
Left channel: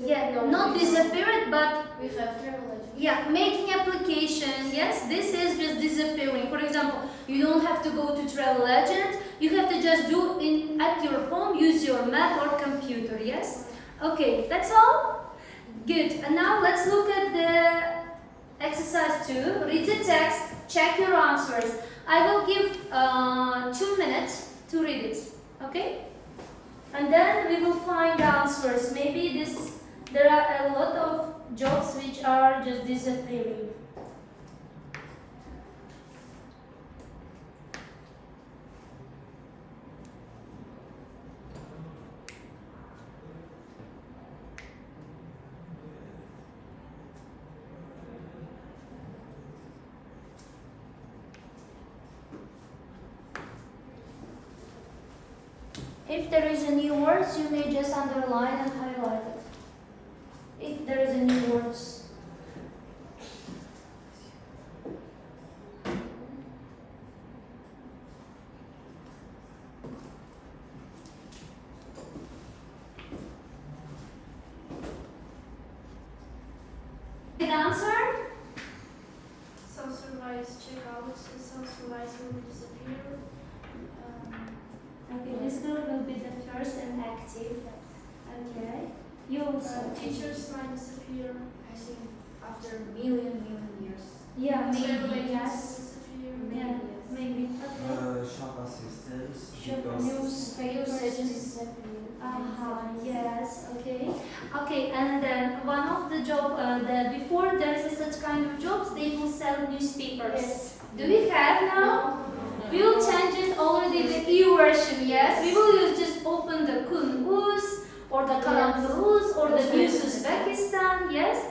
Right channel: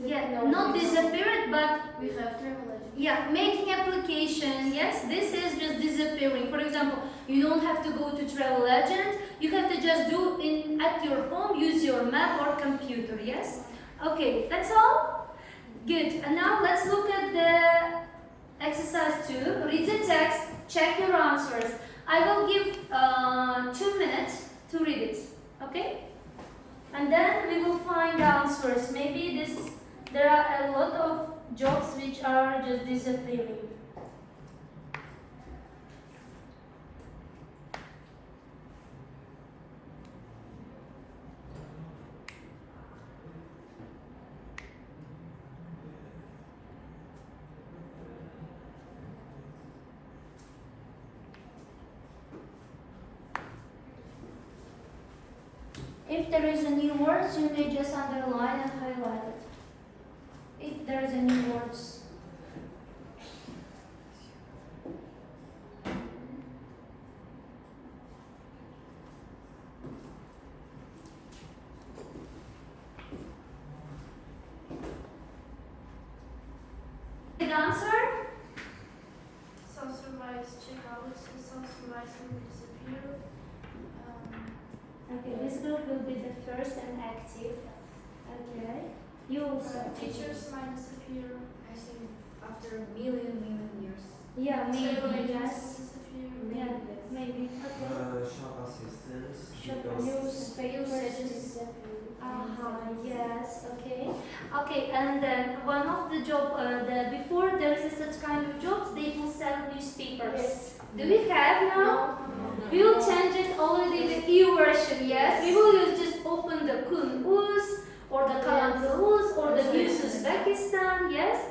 Yeah, No, not we don't. disappeared, but We have travel agent. yeah, making application. Yes, this is just disappearing. For example, you don't have to go to travel agent. You have to just do in at your home, use your map or computer. Yes. Okay, that's all. Good. And now let's look at the exercise 2. Read the text. Check your answers. I will give 2 minutes to read it. Okay. And then we will find answers. Maybe there are a lot of jobs which are just disappearing. If there is a new words, you may just underline and highlight it. If there is a new words. Good answer? Self-supervised checkouts, self-supervised will disappear. Okay, this group will be the first and active. Okay. You also. Teachers might disappear. I think after million years. Yeah, Travel maybe, agents yes. disappear. Yeah, maybe. Okay. Shop assistants. Shop because newspapers. Yes, okay. Okay, and then one of the before there is such kind of jobs, they will sell newspapers. Yes. Do we have now? We will change it already the E version, yes? We will use just open the Kun Uz or the Kalantur Uz or the News Uzbekistan, yes?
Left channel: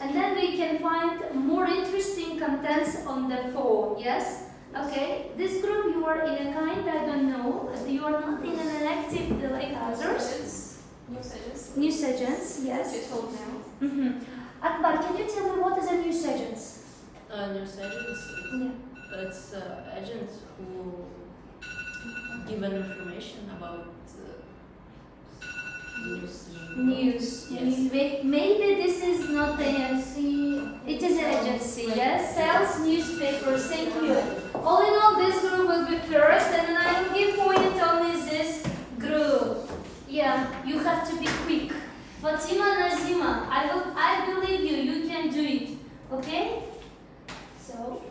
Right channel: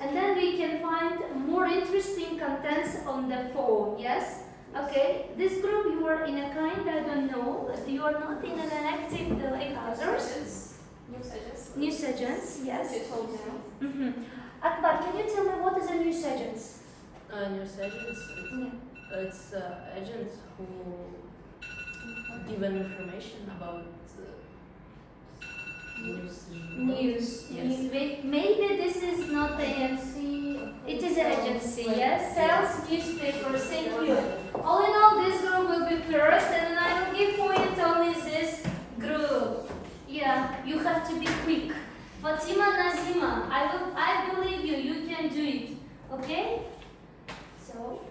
And then we can find more interesting contents on the phone, yes? Okay, this group you are in a kind, I don't know, you are not in an active like others. News agents. News agents, yes. Akbar, can you tell me what is a news agent? News agents, Yeah. it's agents who give an information about news. News. Yes. Maybe this is not a it is an agency, yes? Sells newspapers, thank you. All in all, this group will be first, and I will give point only this group. Yeah, you have to be quick. Fatima Nazima, I believe you, you can do it. Okay? So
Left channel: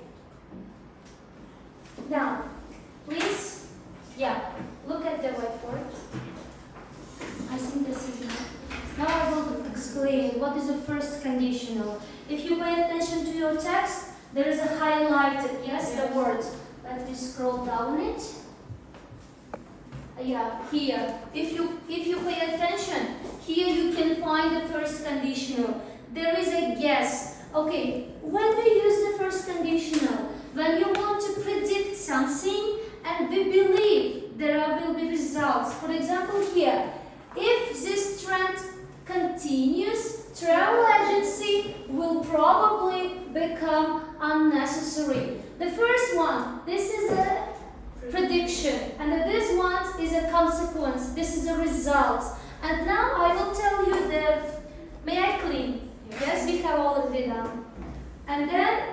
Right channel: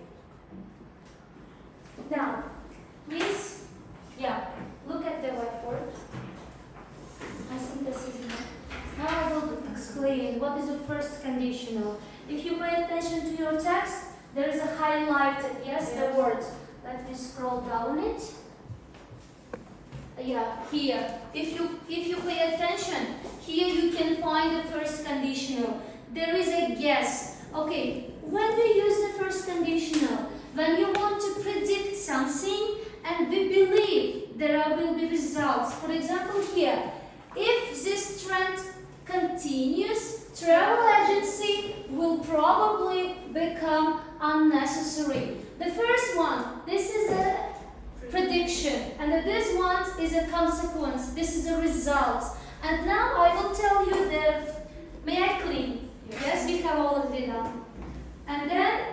now, please, yeah, look at the whiteboard. I think this is enough. Now I will explain what is the first conditional. If you pay attention to your text, there is a highlighted, yes, the word. Let me scroll down it. Yeah, here. If you pay attention, here you can find the first conditional. There is a guess. Okay, when we use the first conditional, when you want to predict something and we believe there will be results. For example, here, if this trend continues, travel agency will probably become unnecessary. The first one, this is a prediction, and this one is a consequence. This is a result. And now I will tell you may I clean? Yes, we have already done. And then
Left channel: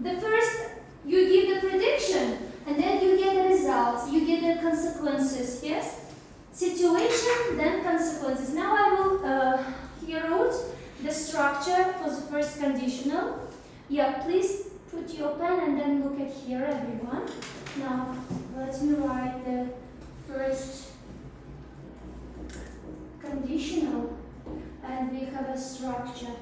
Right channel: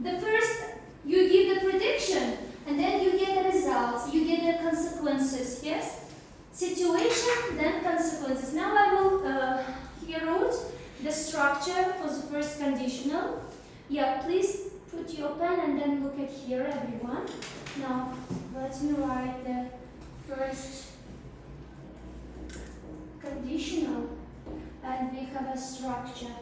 the first, you give the prediction, and then you get the results, you get the consequences, yes? Situation, then consequences. Now I will here wrote the structure for the first conditional. Yeah, please put your pen and then look at here, everyone. Now, let me write the first conditional, and we have a structure.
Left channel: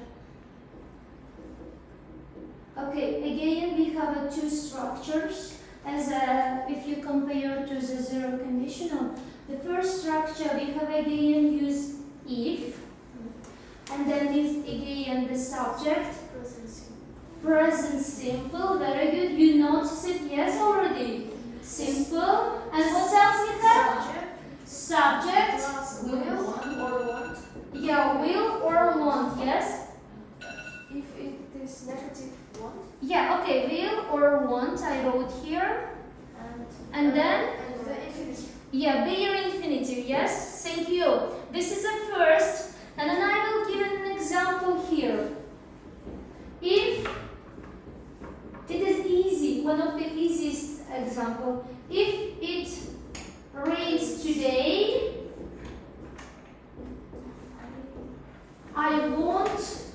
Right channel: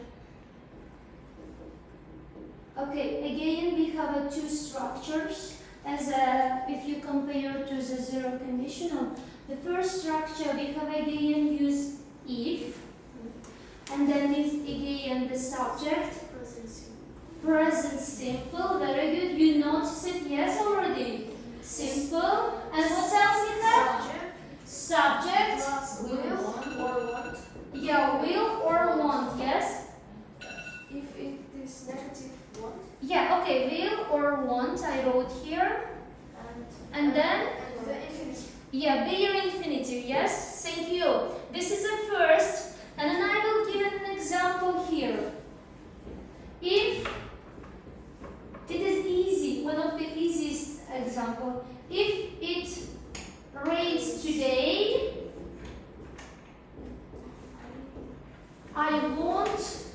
Okay, again we have two structures. If you compare to the zero conditional, the first structure we have again use if, and then is again the subject. Present simple, very good. You notice it, yes, already. Simple. And what else we have? Subject. Will or want. Yeah, will or want, yes. If it is negative, want. Yeah, okay, will or want, I wrote here. And then? The infinitive. Yeah, bare infinitive, yes. Thank you. This is the first. And then I will give an example here. If it is easy, one of the easiest example, if it rains today, I won't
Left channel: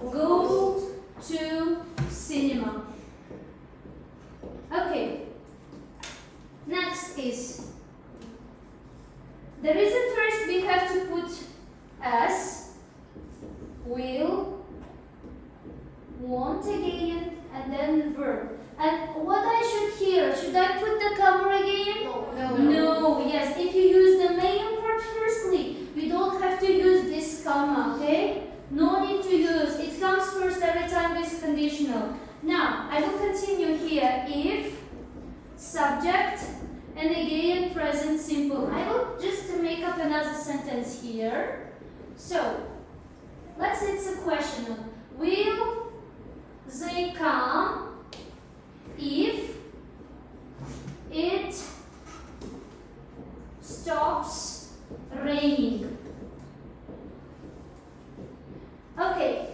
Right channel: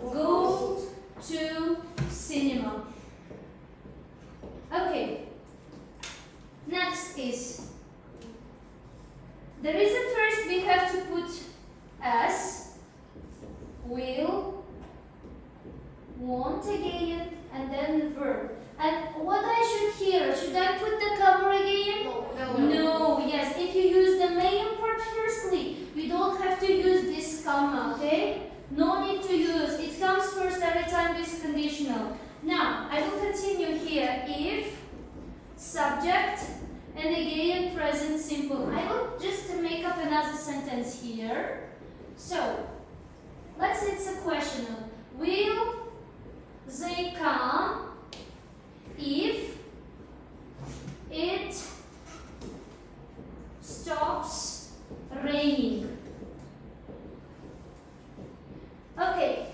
go to cinema. Okay. Next is the reason first we have to put S, will, won't again, and then verb. And what I should hear, should I put the comma again? No, yes. If you use the main part firstly, we don't have to use this comma, okay? No need to use. It comes first every time with conditional. Now, I will continue here. If, subject, and again present simple. I will just make up another sentence here. So, let's say it's a question. Will they come if it stops raining? Okay.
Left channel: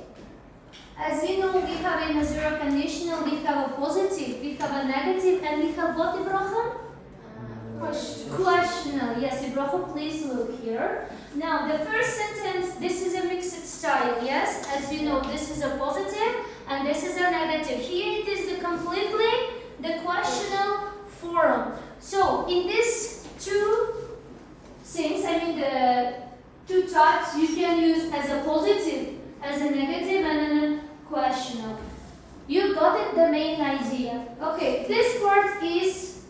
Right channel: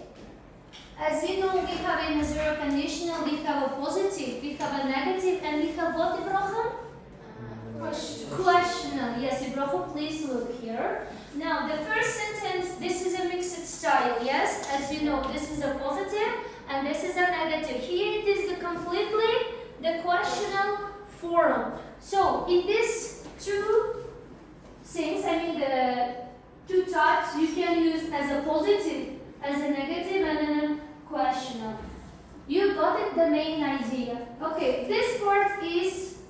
As we know, we have in a zero conditional, we have a positive, we have a negative, and we have what, Ibrahim? Questional. Yes, Ibrahim, please look here. Now, the first sentence, this is a mixed style, yes? As you know, this is a positive, and this is a negative. Here it is completely the questional form. So, in these two things, I mean the two types, you can use as a positive, as a negative, and then a questional. You got it, the main idea. Okay, this part is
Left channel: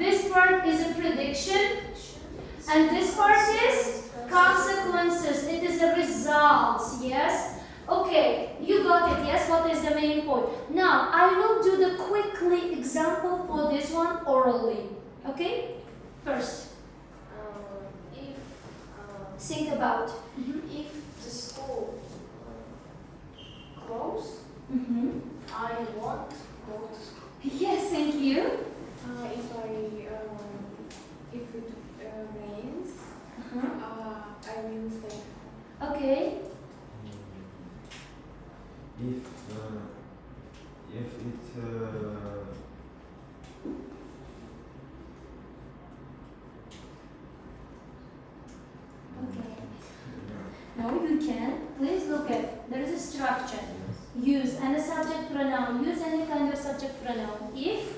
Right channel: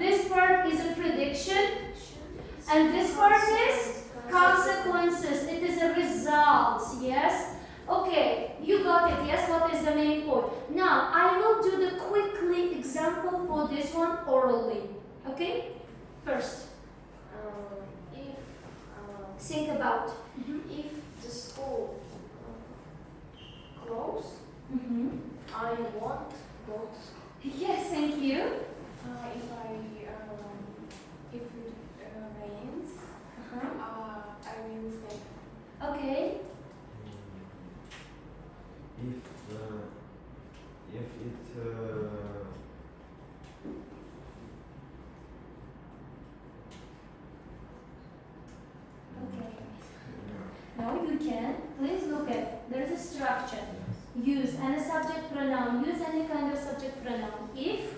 a prediction, and this part is consequences. It is a result, yes? Okay, you got it, yes? What is the main point? Now, I will do the quickly example for this one orally. Okay? First, think about. If the school closed, I won't go to school. Yes, thank you. If it rains, I will stay. Okay. If it Okay. Now you can. Please look at. There is a structure. Use and a subject pronoun. Use any kind of subject pronoun. If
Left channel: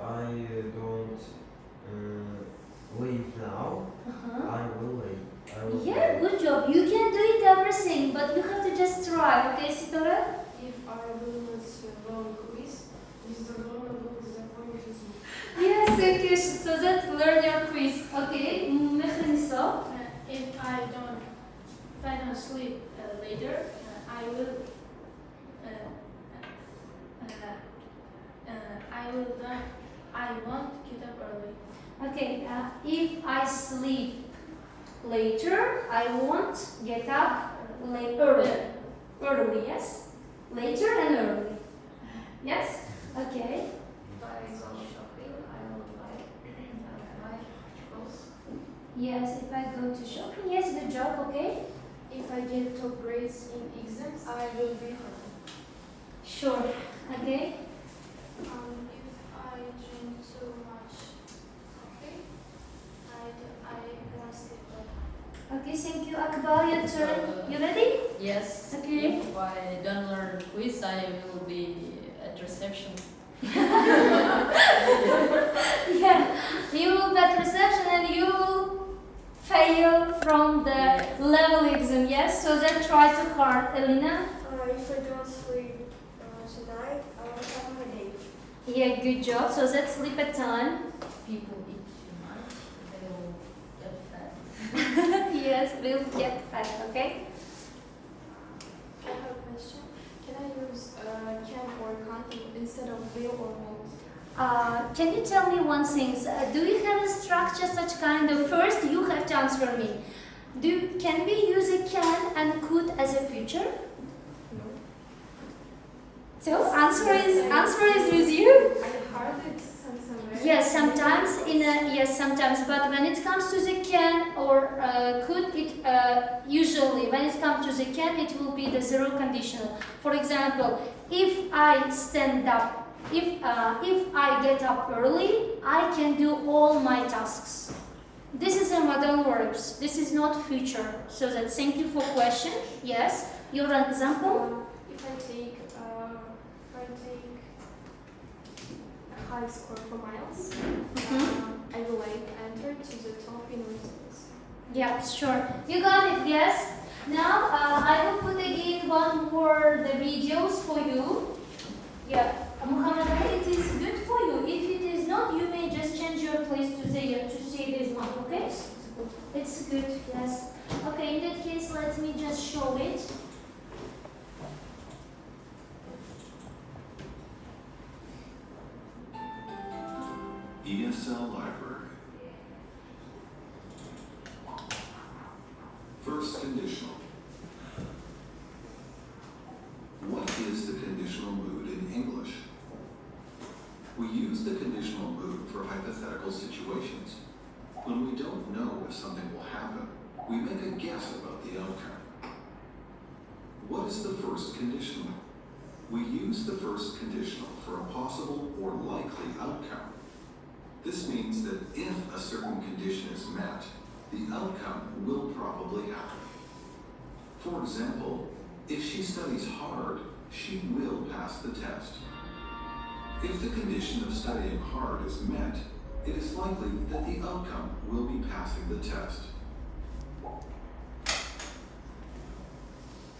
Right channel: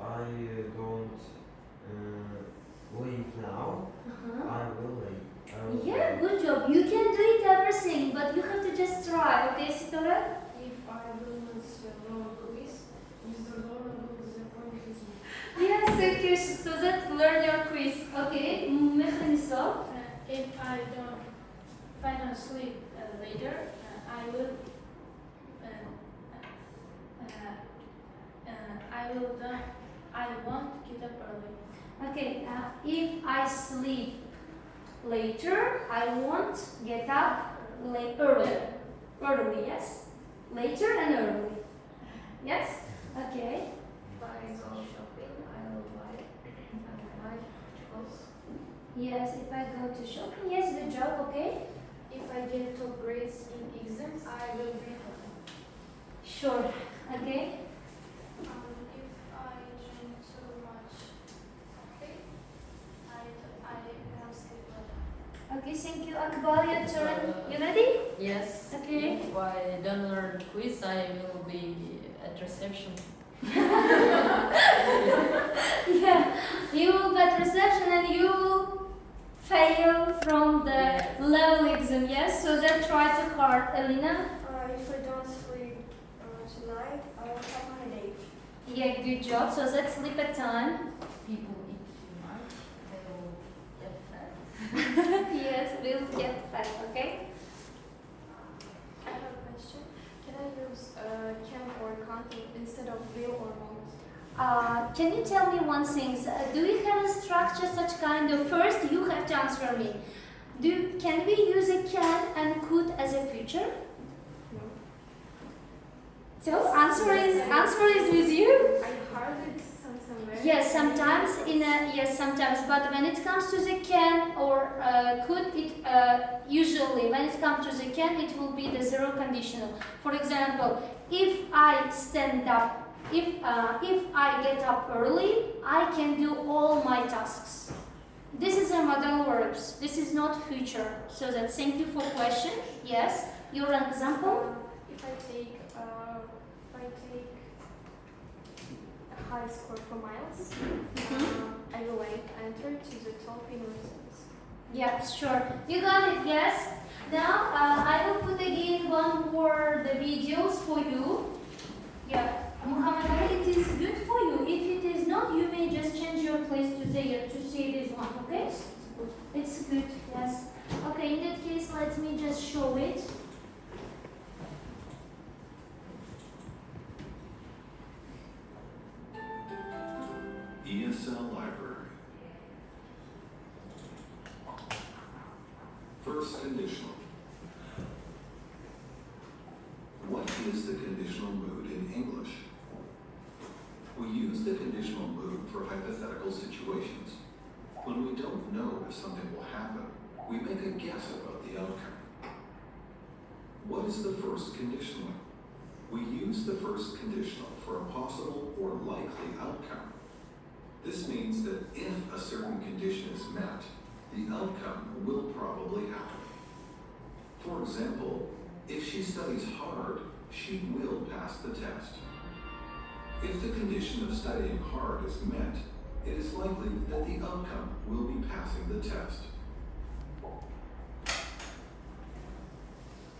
I don't leave now, I will leave. yeah, good job. You can do it everything, but you have to just try. Okay, Sitora? If I lose the wrong quiz, Yes, thank you. So that learn your quiz. Okay, Mechanisa. If I don't sleep later, I won't get up early. Okay, if I sleep later, I won't get up early. Early, yes? Later and early. Yes? Okay. If I go shopping, I will buy clothes. Yes, if I go to shopping, yes, good job, okay? If I get top grades in exams, I will be happy. Sure, okay? If I drink too much coffee, I won't sleep well. Okay, thank you. Akbar, your turn. You ready? Yes. Okay. If I don't learn quiz, I will be at reception. Yeah, you will get reception and you will fail from the level exam, yes? So then try to hard. Elena? If I don't sleep tonight, I will have a headache. Yeah, good job. So that's sleep at time. People eat too much, they will get fat. Yes, we'll get fat, okay? I have a question. Can I use can or can't instead of will or won't? Can you tell me one thing? Do you have a structure such kind of first you have to answer me. Can we use a can and could as a future? No. So answer is with you? I heard it somewhere. Yes, sometimes sometimes, yes, sometimes, but when it comes to the can or could, usually when it comes to the can, it will be the zero conditional. For example, if I stand up, if I get up early, I can do all my tasks. This is a modal verbs. This is not future. So that's thank you for question. Yes. Your example? If I take a high score for miles, I will enter to the top universities. Yeah, sure. You got it. Yes. Now I will put again one more the videos for you. Yeah, Muhammad Ali, it is good for you. If it is not, you may just change your place to say this one. Okay? It's good. Yes. Okay. In that case, let me just show it. ESL Library. First conditional. What is the conditional mood in English? We use the conditional mood for hypothetical situations. When we don't know if something will happen, we make a guess about the outcome. What is the first conditional? We use the first conditional for a possible or likely outcome. This means that if a certain condition is met, the outcome will probably happen. For example, if she studies hard, she will pass the test. If the condition of studying hard is met, it is likely that the outcome will be passing the test.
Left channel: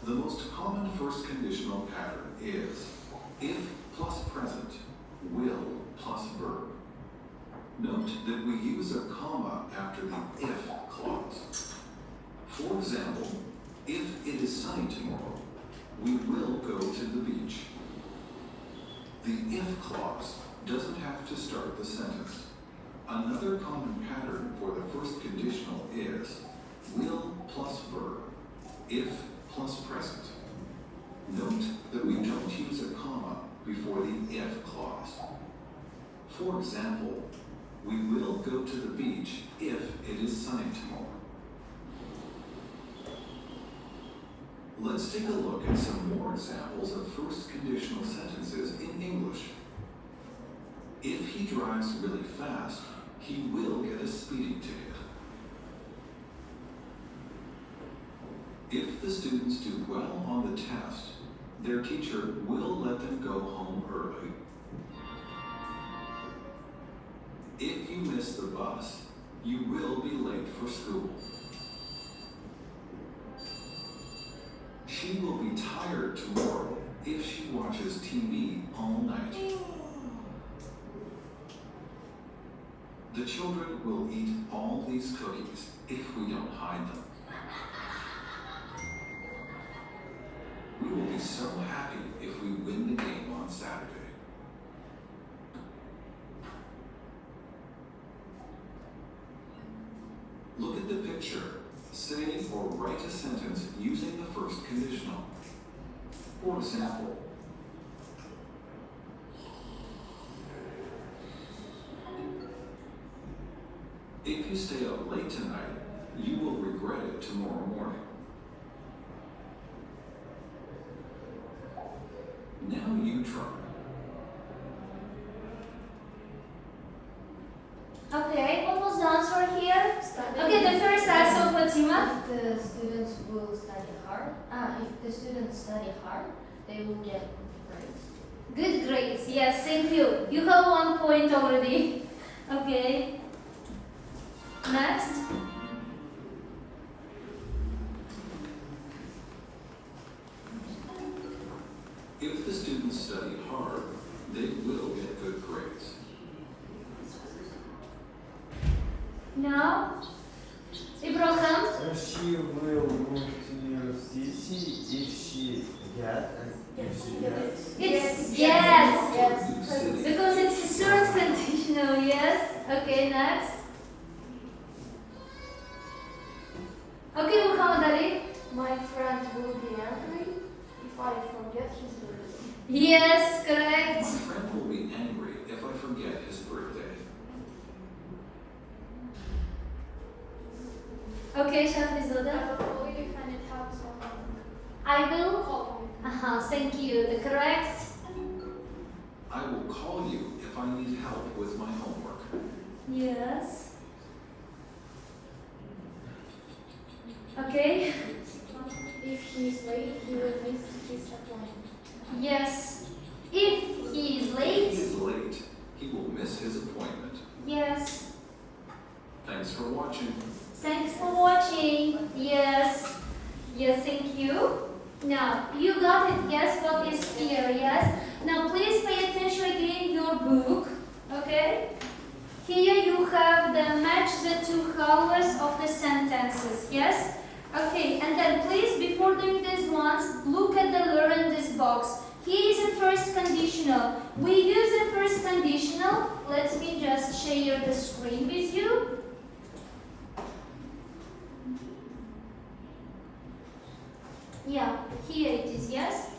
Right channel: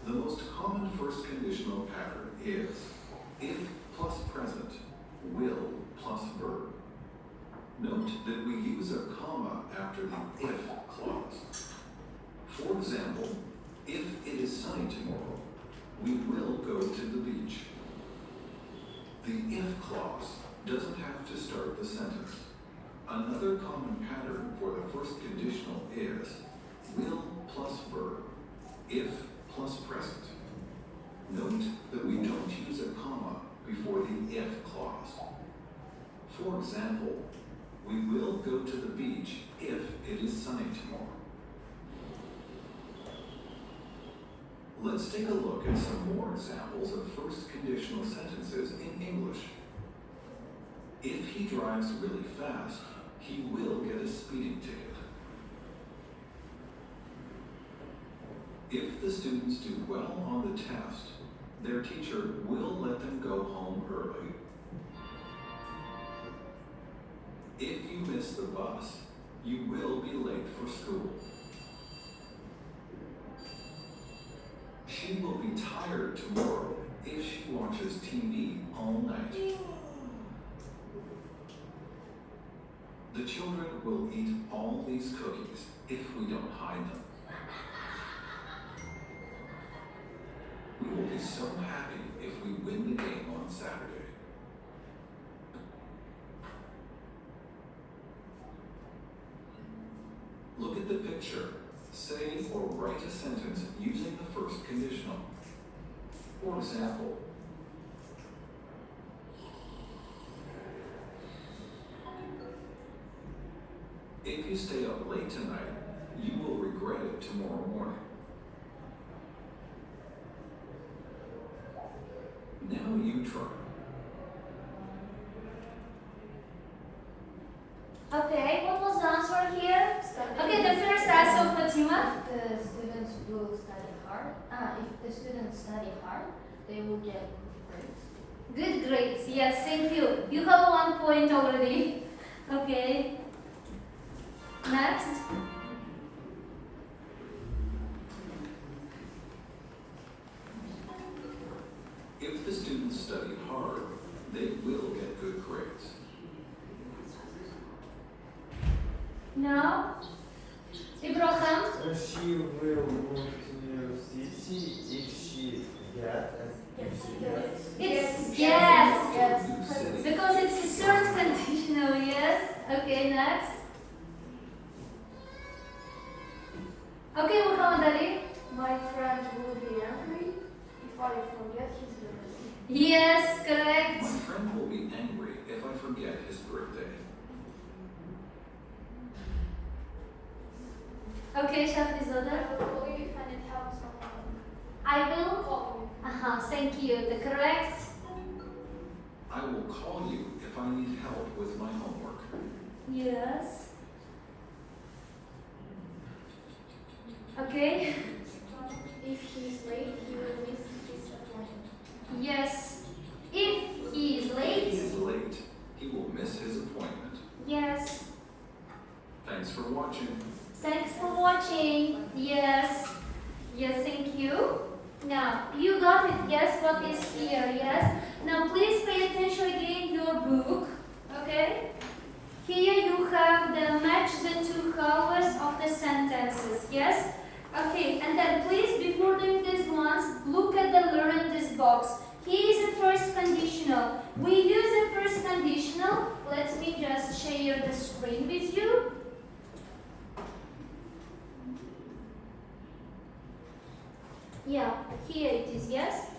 The most common first conditional pattern is if plus present, will plus verb. Note that we use a comma after the if clause. For example, if it is sunny tomorrow, we will go to the beach. The if clause doesn't have to start the sentence. Another common pattern for the first conditional is will plus verb, if plus present. Note that we don't use a comma before the if clause. For example, we will go to the beach if it is sunny tomorrow. Let's take a look at some more examples of first conditional sentences in English. If he drives really fast, he will get a speeding ticket. If the students do well on the test, their teacher will let them go home early. If you miss the bus, you will be late for school. She will be tired tomorrow if she watches TV all night. The children will eat all these cookies if we don't hide them. We will be so happy if we win the game on Saturday. Look at the picture. Say or write a sentence using the first conditional. For example, if you stay up late tonight, you will regret it tomorrow morning. Now you try. Okay, what was the answer here? Okay, the first answer, Fatima. The students will study hard. If the students study hard, they will get grades. Good grades, yes, thank you. You have 1 point already. Okay. Next. If the students study hard, they will get good grades. Now, Ibrahim. She will move to your city if she gets. It's yes. Because it's a third conditional, yes. Okay, next. Okay, Muhammad Ali. My friend will be angry if I forget his birthday. Yes, correct. My friend will be angry if I forget his birthday. will. Call me. Thank you. The correct. I will call you if I need help with my homework. Yes. Okay. If he's late, he will miss his appointment. Yes. If he is If late. he is late, he will miss his appointment. Yes. Thanks for watching. Thanks for watching. Yes. Yes, thank you. Now, you got it. Yes, what is here? Yes. Now, please pay attention again your book. Okay? Here you have the match the two halves of the sentences. Yes? Okay, and then please, before doing this ones, look at the learn this box. Here is the first conditional. We use the first conditional. Let me just share the screen with you. Yeah, here it is, yes?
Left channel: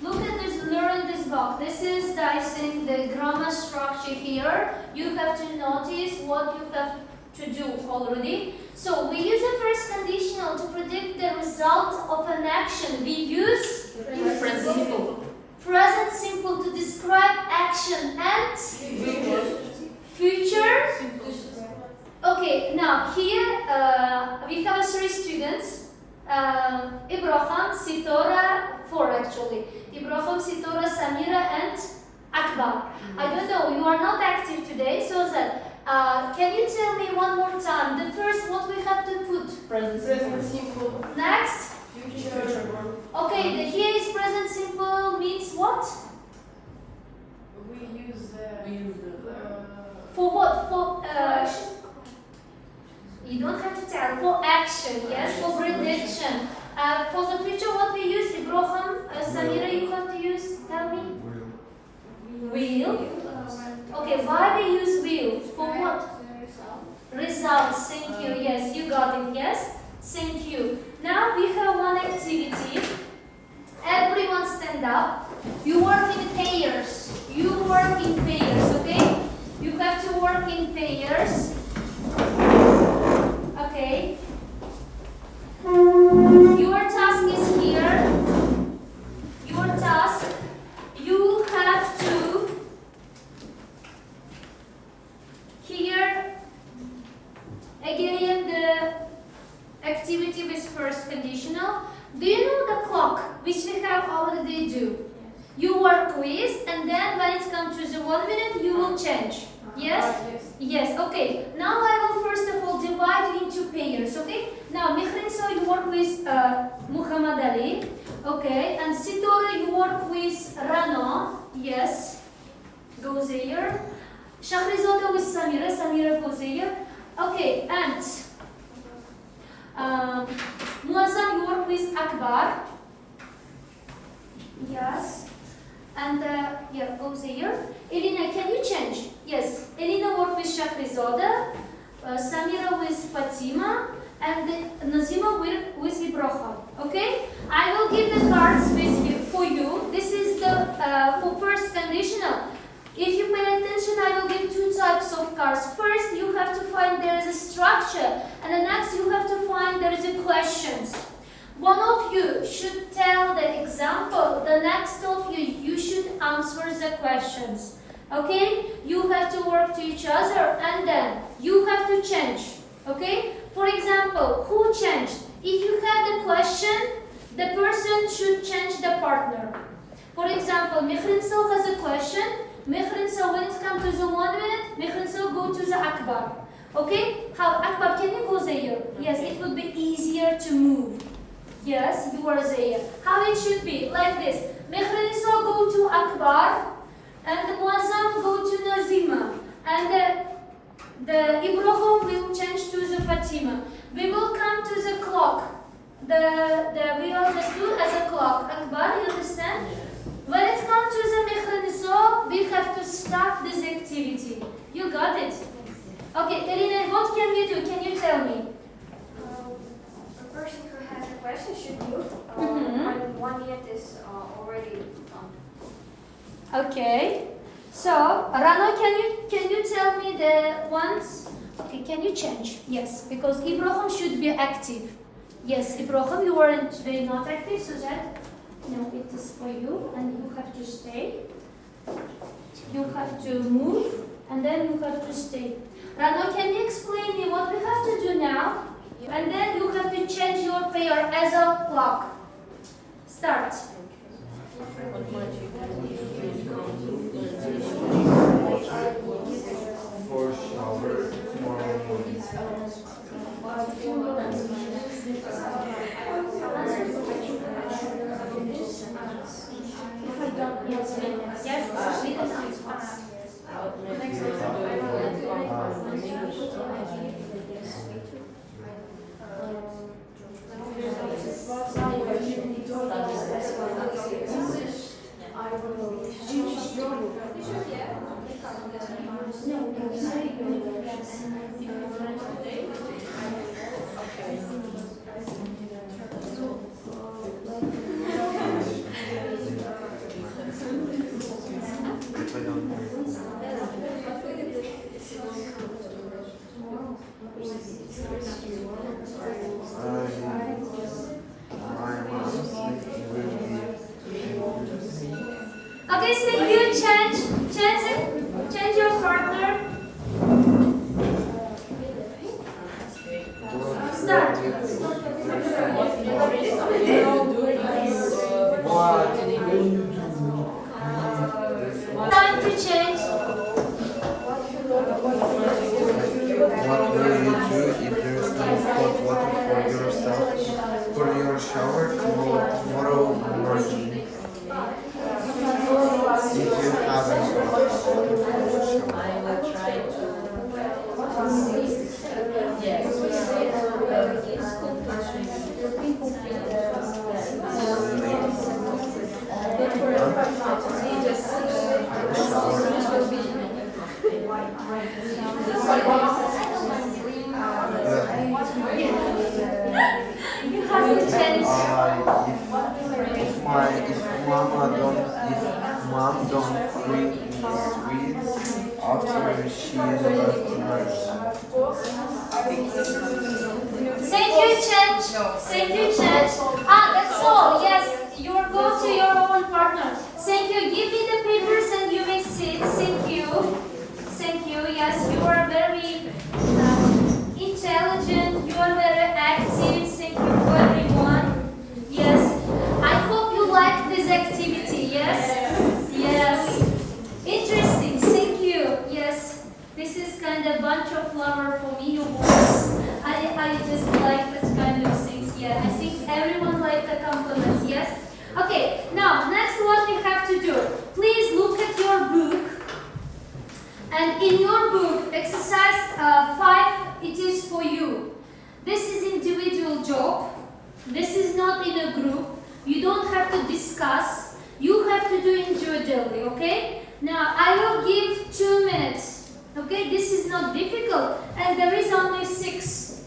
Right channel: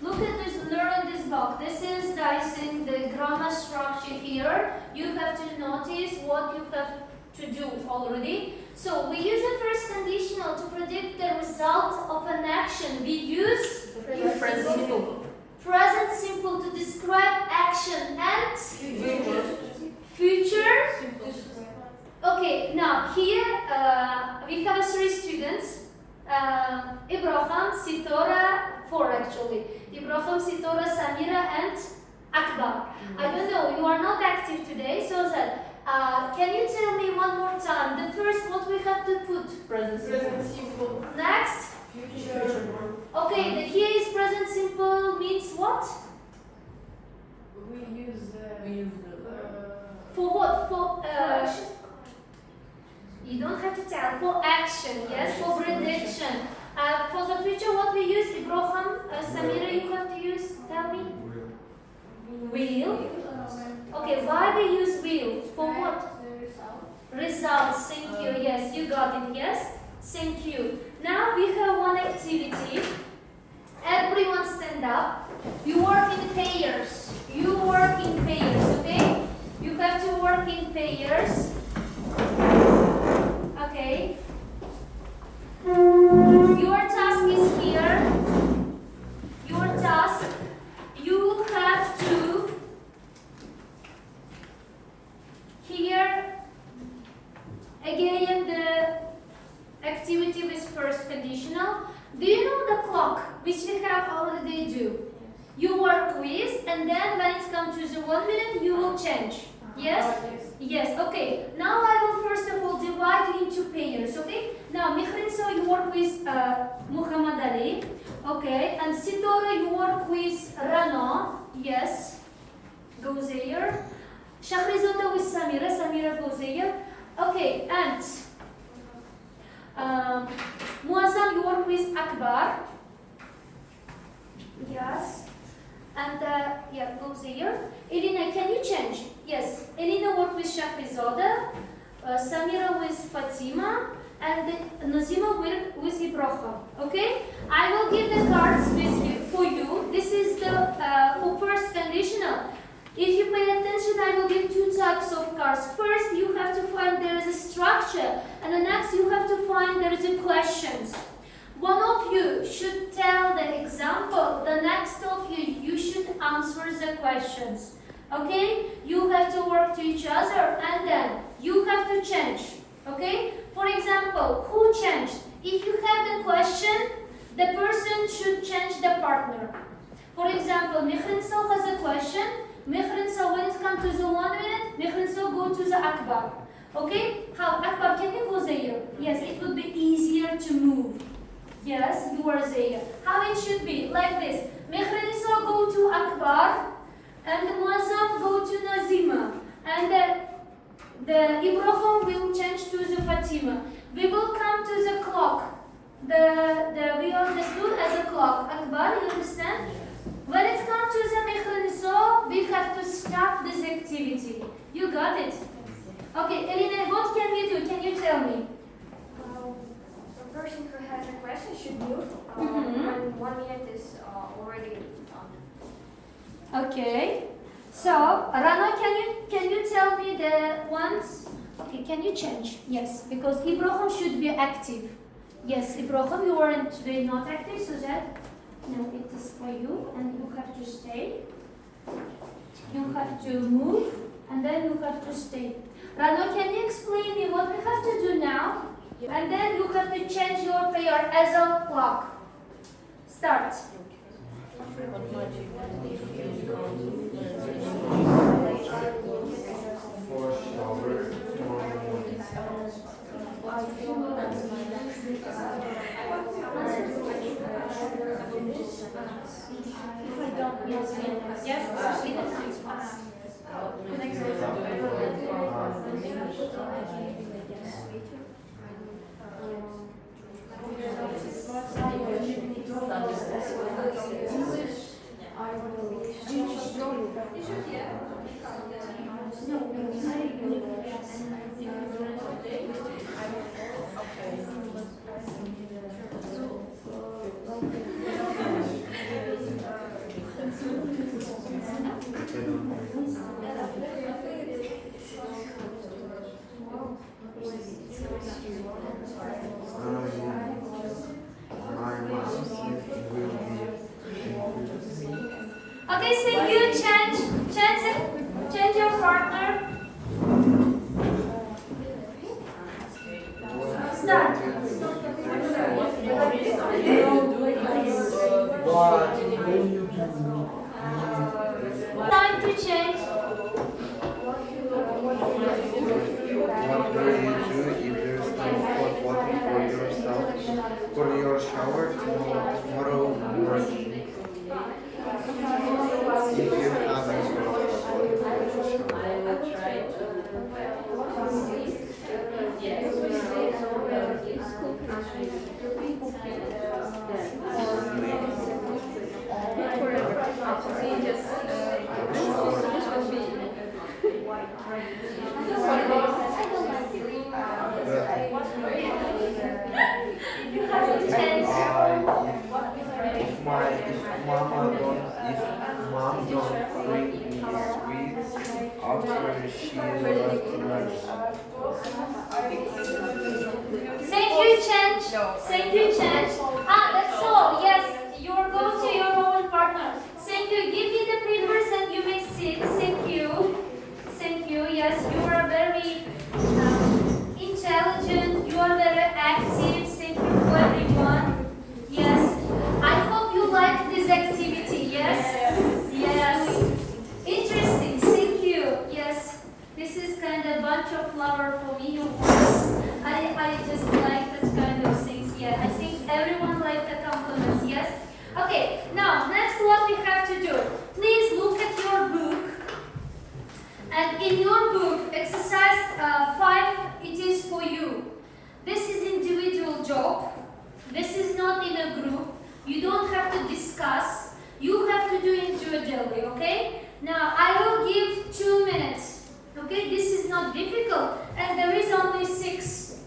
Look at this, learn this box. This is, I think, the grammar structure here. You have to notice what you have to do already. So, we use the first conditional to predict the result of an action. We use Present simple. present simple to describe action and future. Okay, now here we have three students. Ibrahim, Sitora, four actually. Ibrahim, Sitora, Samira, and Akbar. I don't know, you are not active today, so that can you tell me one more time the first what we have to put? Present simple. Next? Future. Okay, the here is present simple means what? We use For what? For you don't have to tell. For action, yes, for prediction. For the future, what we use? Ibrahim, Samira, you have to use. Tell me. Will. Okay, why we use will? For what? Results. Thank you. Yes, you got it. Yes. Thank you. Now we have one activity. Everyone stand up. You work in pairs. You work in pairs. Okay. You have to work in pairs. Okay. Your task is here. Your task, you have to here again the activity with first conditional. Do you know the clock which we have already do? You work with, and then when it comes to the 1 minute, you will change. Yes? Yes, okay. Now I will first of all divide into pairs, okay? Now, Mihrinso, you work with Muhammad Ali, okay? And Sitora, you work with Rana, yes, go there. Shahrizada with Samira, Samira goes there. Okay, and Muazzam, you work with Akbar, yes. And yeah, goes here. Elina, can you change? Yes. Elina work with Shahrizada, Samira with Fatima, and Nazima with Ibrahim. Okay? I will give the cards with you, for you. This is the for first conditional. If you pay attention, I will give two types of cards. First, you have to find there is a structure, and the next you have to find there is a questions. One of you should tell the example, the next of you should answer the questions. Okay? You have to work to each other and then you have to change. Okay? For example, who changed? If you have the question, the person should change the partner. For example, Mihrinso has a question. Mihrinso, when it comes to the 1 minute, Mihrinso go to the Akbar. Okay? How? Akbar, can you go there? Yes, it would be easier to move. Yes, you are there. How it should be? Like this. Mihrinso go to Akbar, and Muazzam go to Nazima, and the Ibrahim will change to the Fatima. We will come to the clock. We understood as a clock. Akbar, you understand? When it comes to the Mihrinso, we have to start this activity. You got it? Okay, Elina, what can we do? Can you tell me? A person who has a question should move. Mhm. And 1 minute is already done. Okay. So, Rana, can you tell me the ones? Okay, can you change? Yes, because Ibrahim should be active. Yes, Ibrahim, you weren't today not active, so that No, it is for you, and you have to stay. You have to move, and then you have to stay. Rano, can you explain me what we have to do now? And then you have to change your pair as a clock. Start. What might you do if you can't For shower tomorrow morning. If I don't, yes, If I don't my mom's will be Okay, thank you. Change your partner. Start. Time to change. What will you do if there's no hot water for yourself for your shower tomorrow morning? If you have a hot water for your shower. I will try You have to change. If mom don't bring me sweets after she left lunch. Thank you, change. That's all. Yes, you are going to your own partner. Thank you. Give me the papers and you may sit. Thank you. Thank you. Yes, you are very intelligent. You are very active. Thank you for everyone. Yes. I hope you like this activity. Yes. Yes. Interesting. Thank you. Yes. This is kind of bunch of flower for me, of course. I just like that kind of things. Yeah. I think everyone liked the compliments. Yes. Okay. Now, next what we have to do. Please look at your book. And in your book, exercise 5, it is for you. This is individual job. This is not in a group. You don't have to discuss. You have to do individually, okay? Now, I will give 2 minutes. Okay, this is not difficult. And there is only 6.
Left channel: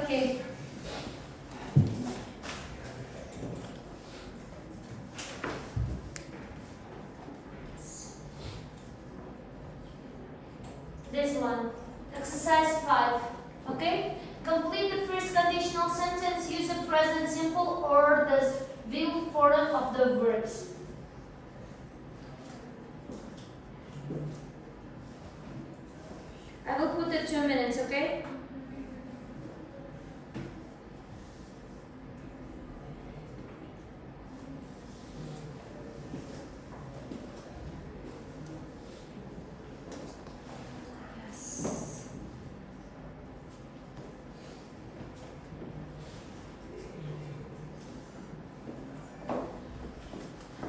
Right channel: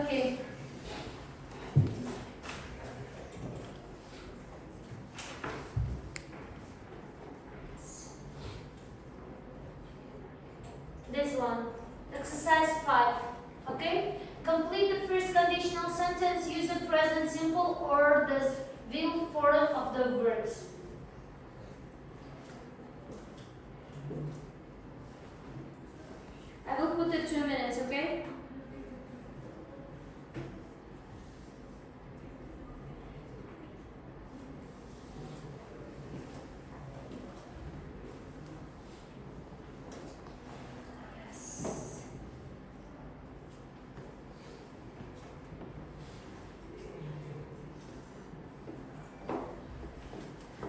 Okay. This one. Exercise 5. Okay? Complete the first conditional sentence. Use the present simple or the will form of the verbs. I will put the 2 minutes, okay?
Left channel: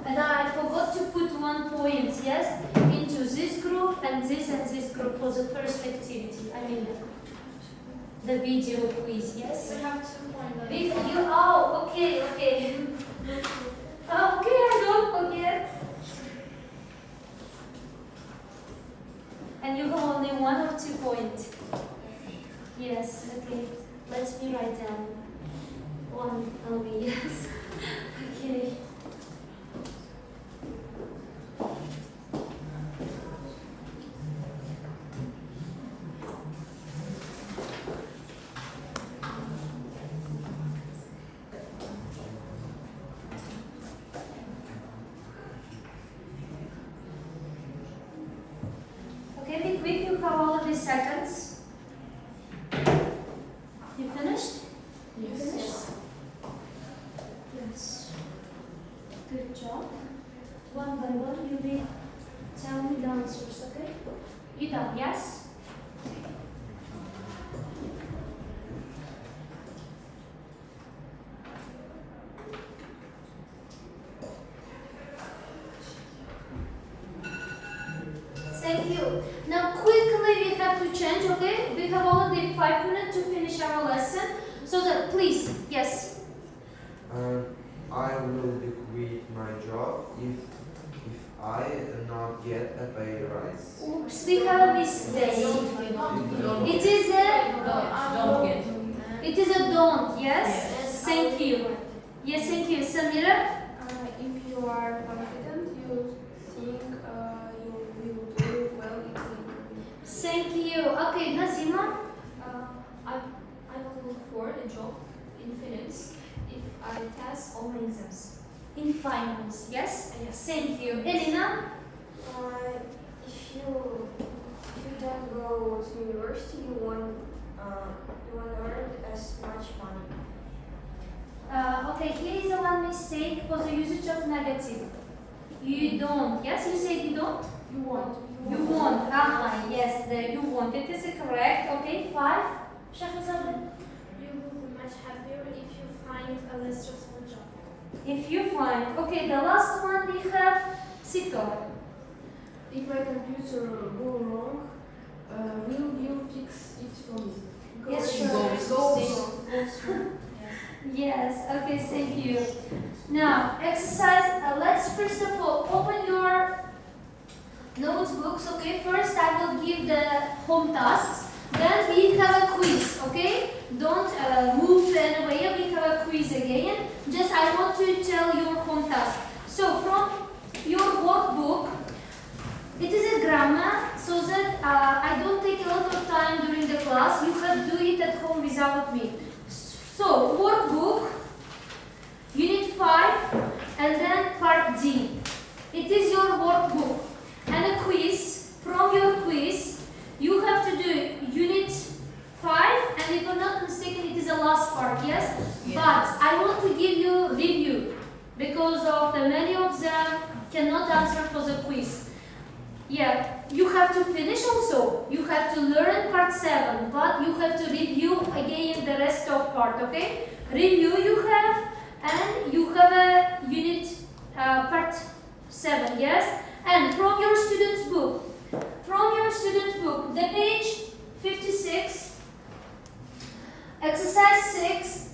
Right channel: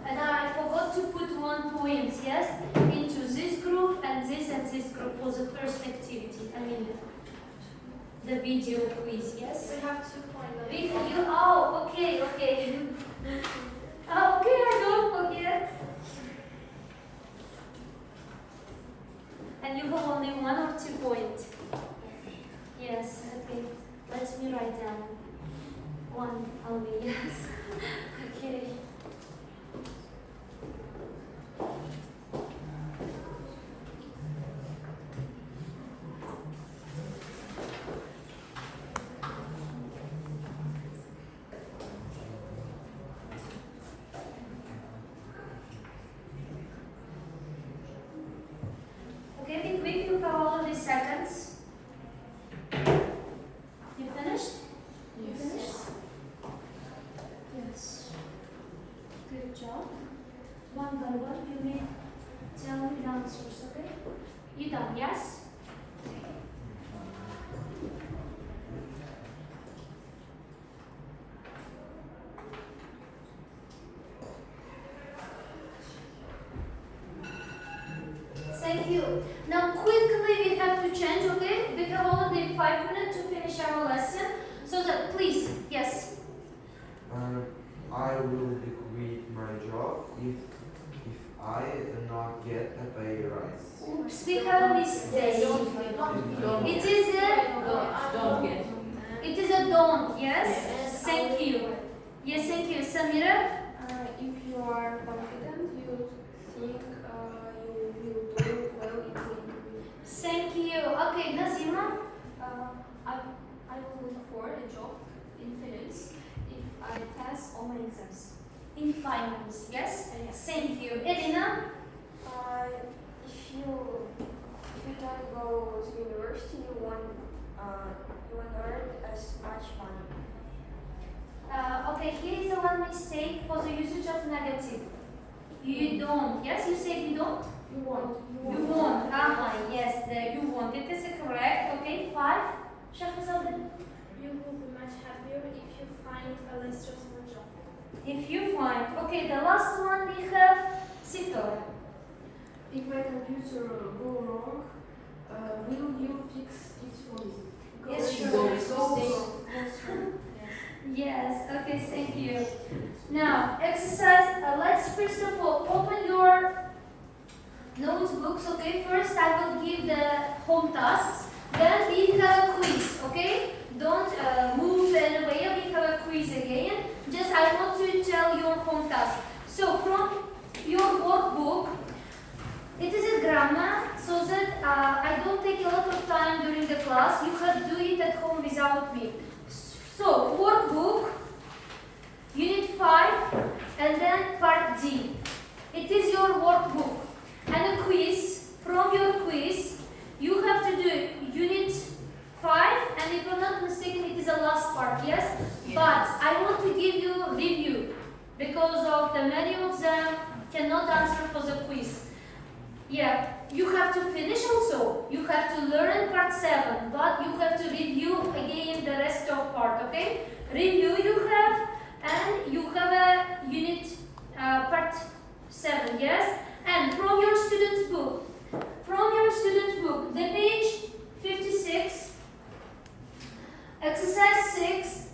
And I forgot to put 1 point, yes, into this group and this group for the first activity. I mean, the video quiz, yes? We have 2 points. Oh, okay. Okay, I don't forget. And you have only 1 or 2 points. Yes, okay. Let me write down 1 only, yes. Okay. quick, you have already seconds. You finished? You finished? Yes. Good job. One by one, you will tell me the answers, okay? You done, yes? Thank you. Now quickly we have to change, okay? We have only 5 minutes to finish our lesson. So that please, yes. I will quit my job if I not get a pay rise. Oops, we have a mistake. It is a Don't get. it is a don't, yes? Thank you. Yes, thank you. Samira? If you are confident, you think you will do well in the interview. Thank you. Okay, Nazima? I will look for a job in finance if I pass all my exams. In finance, yes? Yes. Thank you. Elena? If you don't go to university, you won't earn as much money. Okay, here is the one mistake for the usage of negative. You don't. Yes, you said you don't? You won't. You won't. Yes, there you won't. It is correct. Okay, 5. Shahzad. You will be much happier if you find a less stressful job. If you find. Okay, the last one we have Sitor. If my computer go wrong, will you fix it for me? Yes, sure. Go. Yes, okay, thank you. Now, exercise, let's first of all open your notebooks, okay? First, I will give the home tasks. Then we have a quiz, okay? Don't move anywhere, we have a quiz again. Just I want to tell your home task. So, from your workbook, it is a grammar, so that I don't take a lot of time during the class. You have to do it at home without me. So, workbook, unit 5, and then part D. It is your workbook. And a quiz, from your quiz, you have to do unit 5, and if I'm not mistaken, it is the last part, yes? But I want to give you review, because of the many of them cannot answer for the quiz. Yeah, you have to finish also. You have to learn part 7, but you have to review again the rest of part, okay? Review you have, and you have a unit part 7, yes? And from your student's book, the page 56, exercise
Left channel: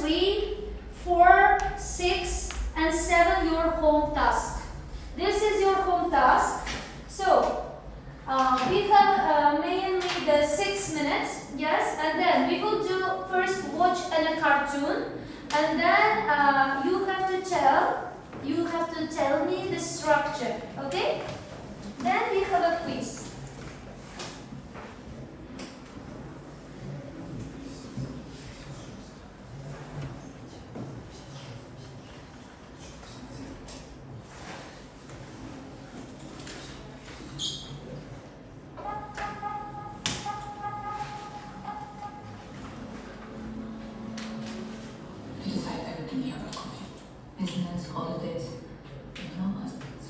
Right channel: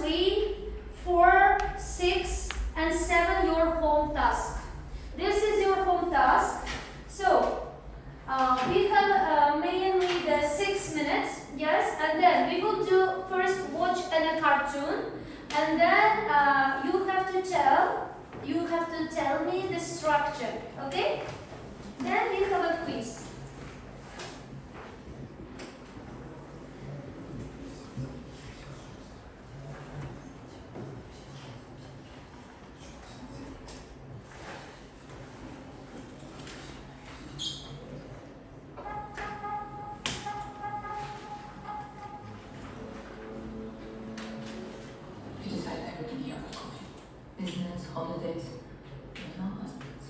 3, 4, 6, and 7, your home task. This is your home task. So, we have mainly the 6 minutes, yes, and then we will do first watch a cartoon, and then you have to tell me the structure, okay? Then we have a quiz. You decide everything here about coffee. Business, holidays, and no husbands.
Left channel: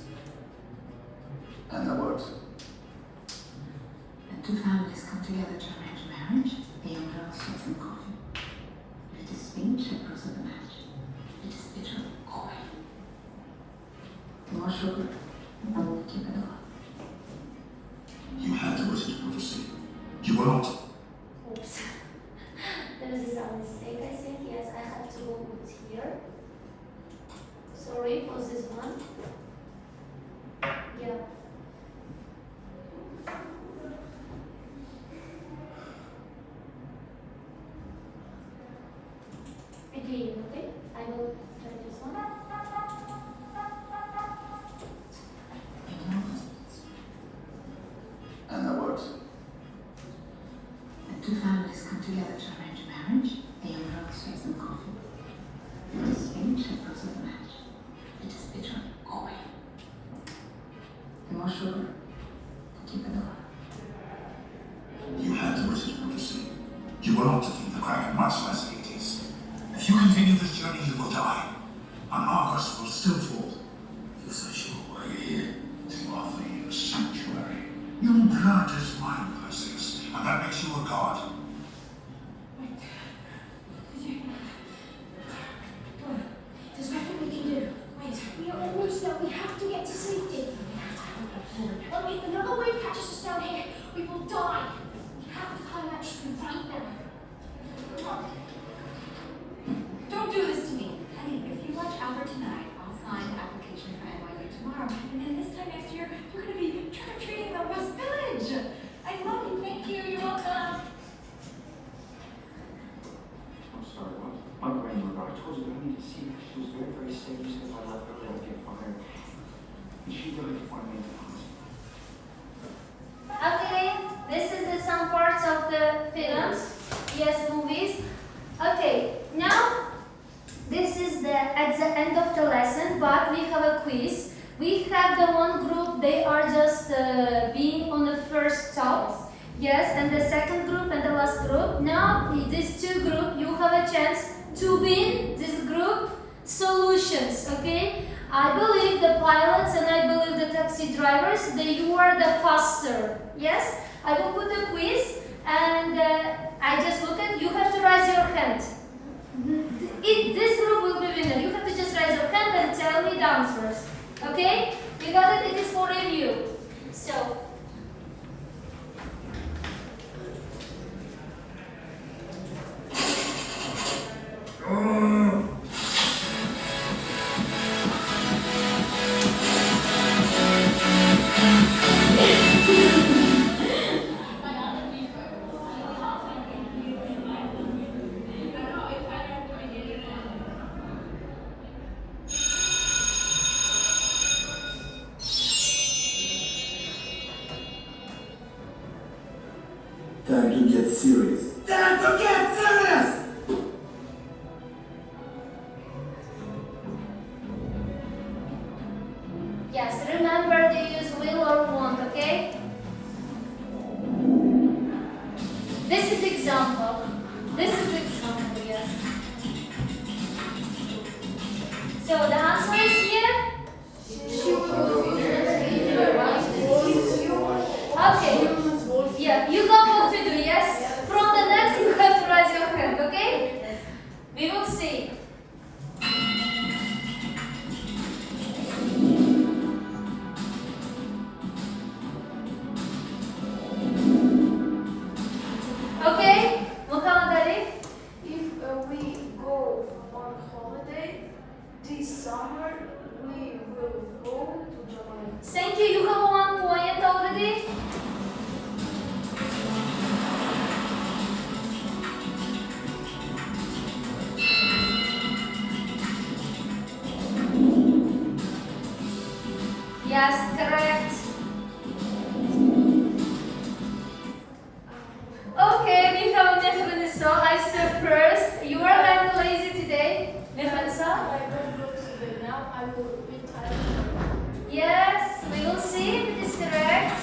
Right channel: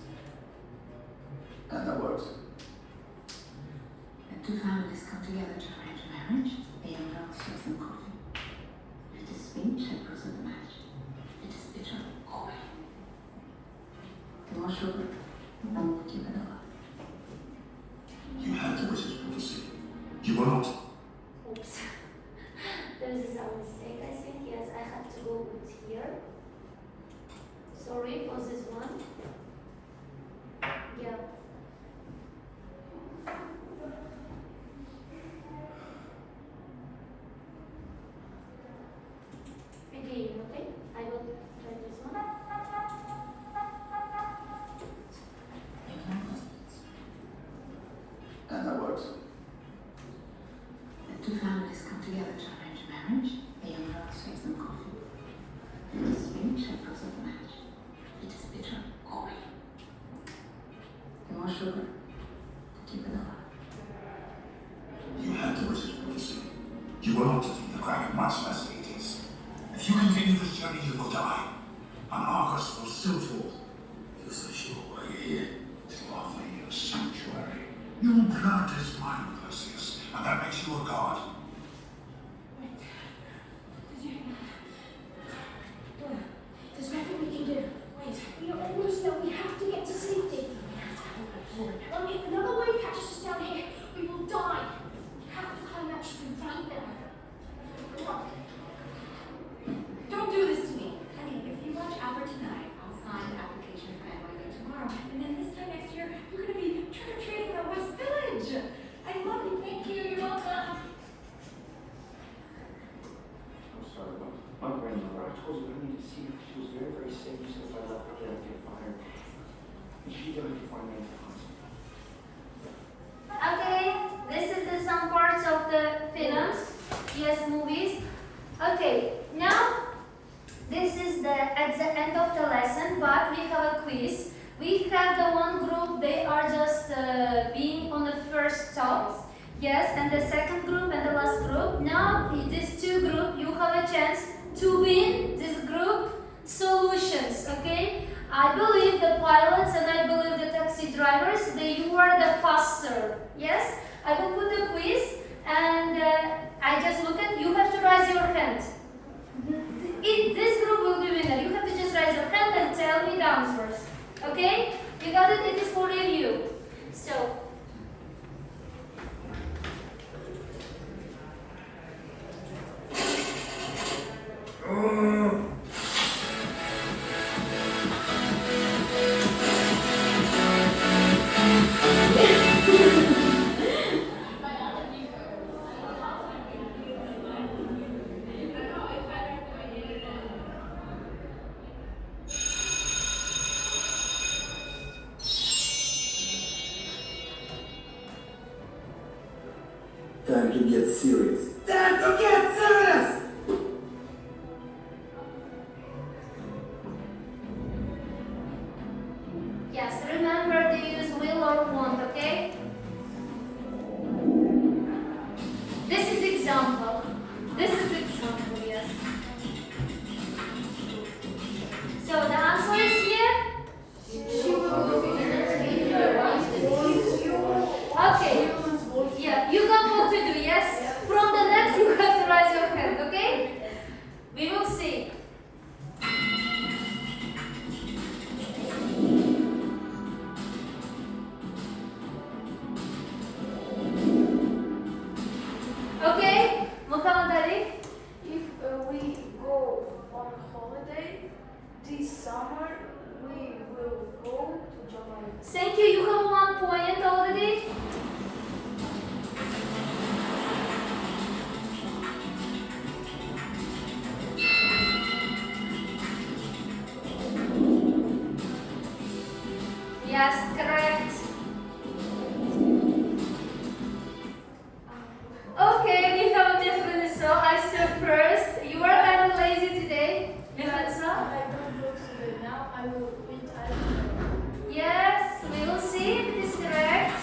And that works. When two families come together to arrange a marriage, they order out sweets and coffee. If it is speech that proves of the match, it is bitter coffee. The more sugar, the more keep it alive. You had the British prophecy. You were not. Oops. There is a mistake. I think yes, I have to go with here. Sorry for this one. Yeah. Again, okay? I will try this one. And no husbands. And that works. When two families come together to arrange a marriage, they order out sweets and coffee. If it is speech that proves of the match, it is bitter coffee. The more sugar, the Keep it up. You had the British prophecy. You will not defeat the Kraken, much less Hades. If you continue this journey, you will die. And Argos will still fall. You're so sure why you're here? To offer you a sanctuary. Your blood is mine, Perseus, and that makes you a god. There's nothing we can do. Wait, we are almost there. We have to get to safety. Well, if another wave catches us down here, we will die. We have to climb that tree right now. Come on. Don't do this to me. Honey, if you watch Albert tonight, I'll sign the application for NYU tomorrow. And then this time next year, you're going to be trick-or-treating the West Village. I love you. Thank you. You're welcome. I'm sorry, my grandmother, I told you I need to see her. She was very, very sick. You said if I left her, I'd get fired. And she died before I made the hospital. Okay, this is some parts of the films, yes, movies. Okay, now this is at the end of the lesson, but we have a quiz. We have the one group, they are just being on the first top, yes, and the second group and the last group. Now, in these two groups, you have a chance to win this group solutions, okay? I believe the pilots and I believe the taxi drivers, you are the faster, yes? I will put a quiz and I just look at, you have to raise your hand. This group will be winner. You have to just raise your hand and tell me the answers. Okay? You got it? It is for review. So, Time to get serious. Time to get serious! yes, remember to use will or won't, okay? This is example. This is example, yes. So the answer is here. Okay. Yeah, you got what to do, yes? From the next, you have to raise your hand, okay? We will see. Okay, Muhammad Ali? If we go on holiday this summer, we will go to Jamaica. Thank you, you have 1 point already. Yes, correct. Okay, we have Mehmet. So I said first. You are kind of lazy today, Mehmet. I don't go to bed now. I will retire. Yes, we will see if it is correct.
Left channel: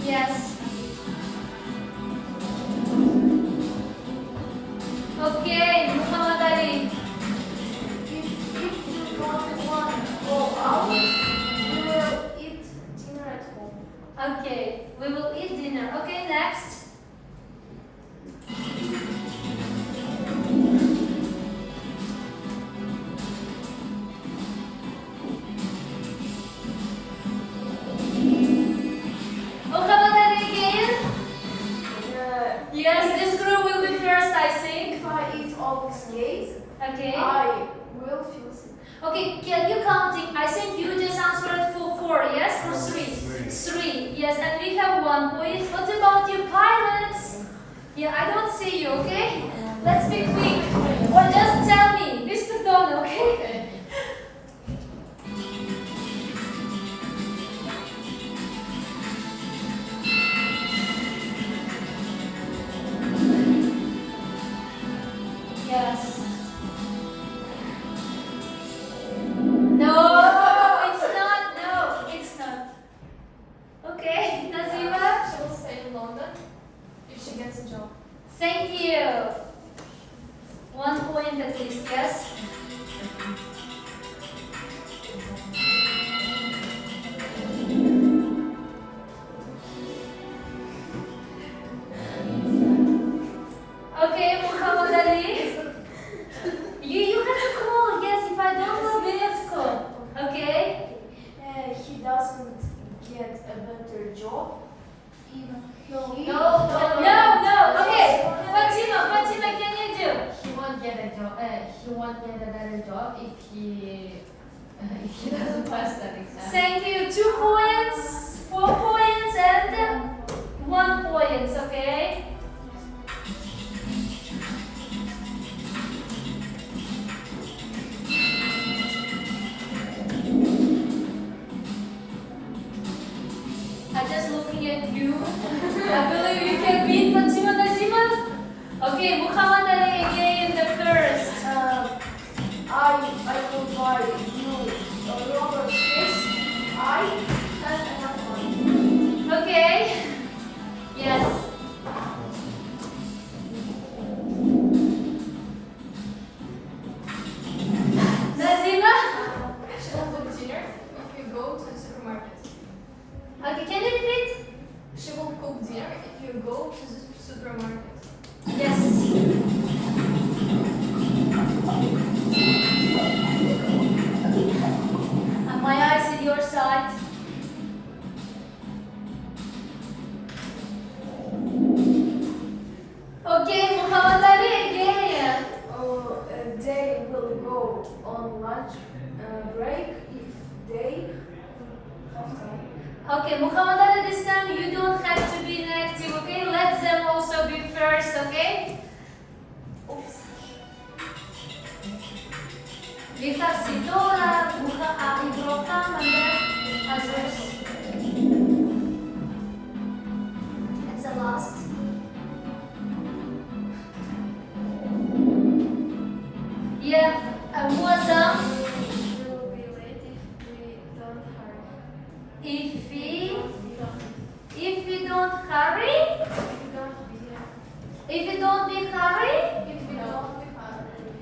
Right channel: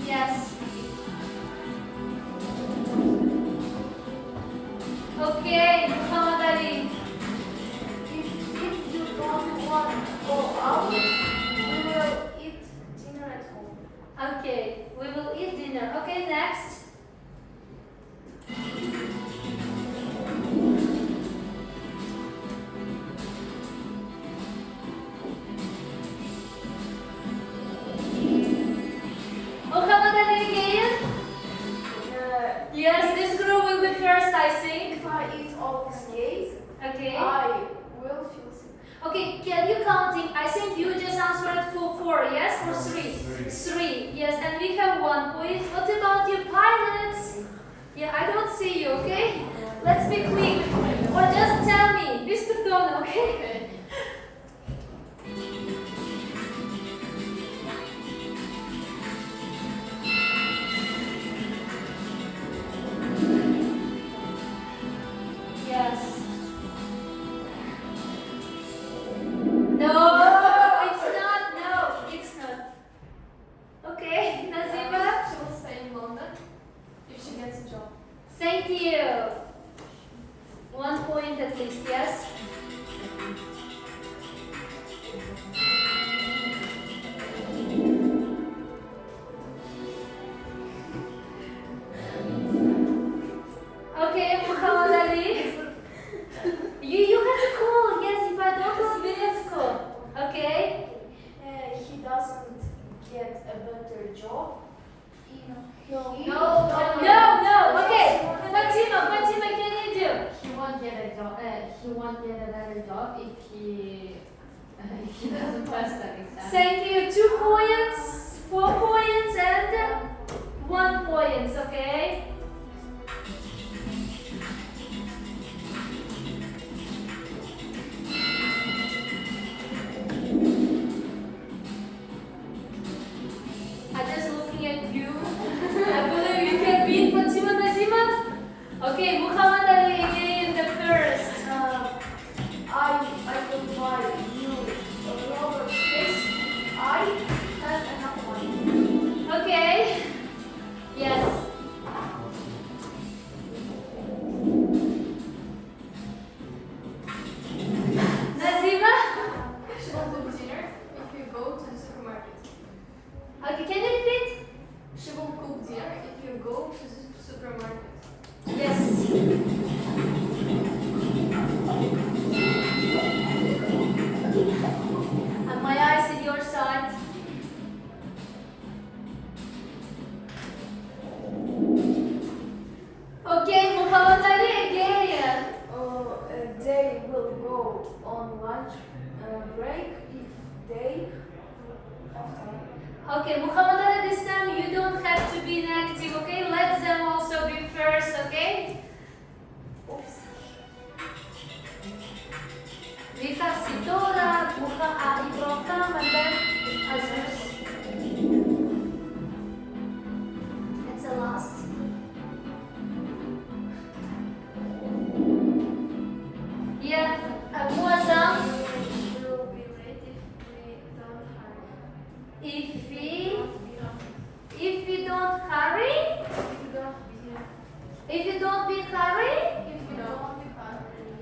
Yes. Okay, Muhammad Ali. If you don't want to go out, we will eat dinner at home. Okay, we will eat dinner. Okay, next. Muhammad Ali again. Yes, this group will be first, I think. If I eat all these cakes, Okay. I will feel sick. Okay, can you counting? I think you just answered for 4, yes? Or 3? Three. 3, yes, and we have 1 point. What about you pilots? Yeah, I don't see you, okay? Let's be quick. Or just tell me, Mr. Don, okay? Thank you. 1 point at least, yes? Okay, Muhammad Ali. You have to call, yes, if I don't know, you have to call. Okay? He doesn't get a better job. No. Okay. Fatima, can you do? He won't get a job. He won't get a better job if he doesn't pass that exam. Thank you. 2 points, 4 points, and 1 point, okay? I'm just looking at you. I believe you can beat Fatima Nazima. Okay, Muhammad Ali again, the first. I will buy you a rubber fish. I have enough money. Okay. Yes. Nazima? She will cook dinner if you go to the supermarket. Okay, can you repeat? She will cook dinner if you go to the supermarket. Yes. And my eyes in your side. Okay, Muhammad Ali again. They will go on lunch break if they have time. Okay, Muhammad Ali, this time you don't have to be negative, okay? Let them also be first, okay? Oops. We have Sidora, Ibrahim, and then Azus. It's the last. Yeah, Muazzam. We will be late if we don't hurry. If we don't hurry, if you don't be hurry,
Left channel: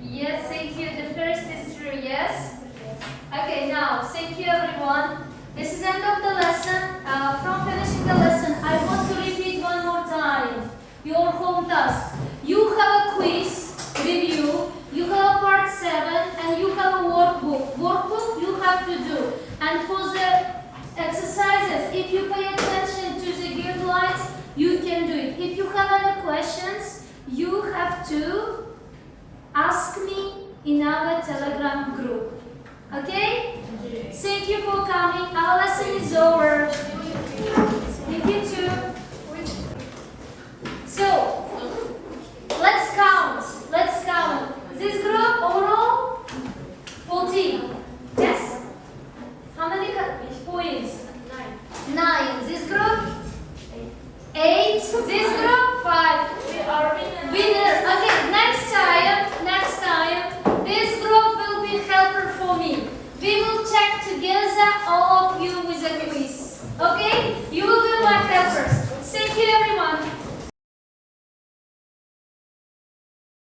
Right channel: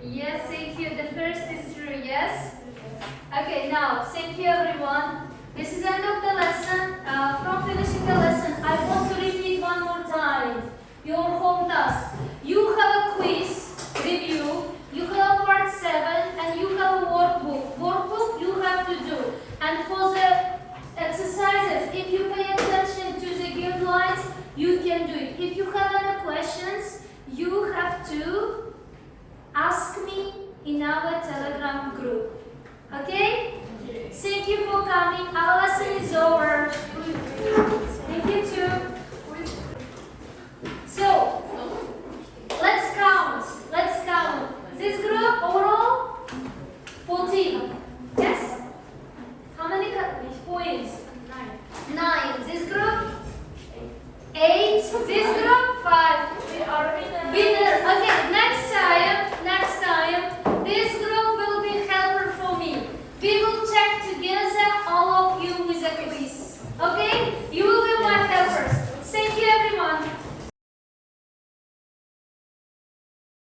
yes, thank you. The first is true, yes. Okay, now thank you everyone. This is end of the lesson. From finishing the lesson, I want to repeat one more time your home task. You have a quiz review. You have a part 7 and you have a workbook. Workbook you have to do. And for the exercises, if you pay attention to the guidelines, you can do it. If you have any questions, you have to ask me in our Telegram group. Okay? Thank you for coming. Our lesson is over.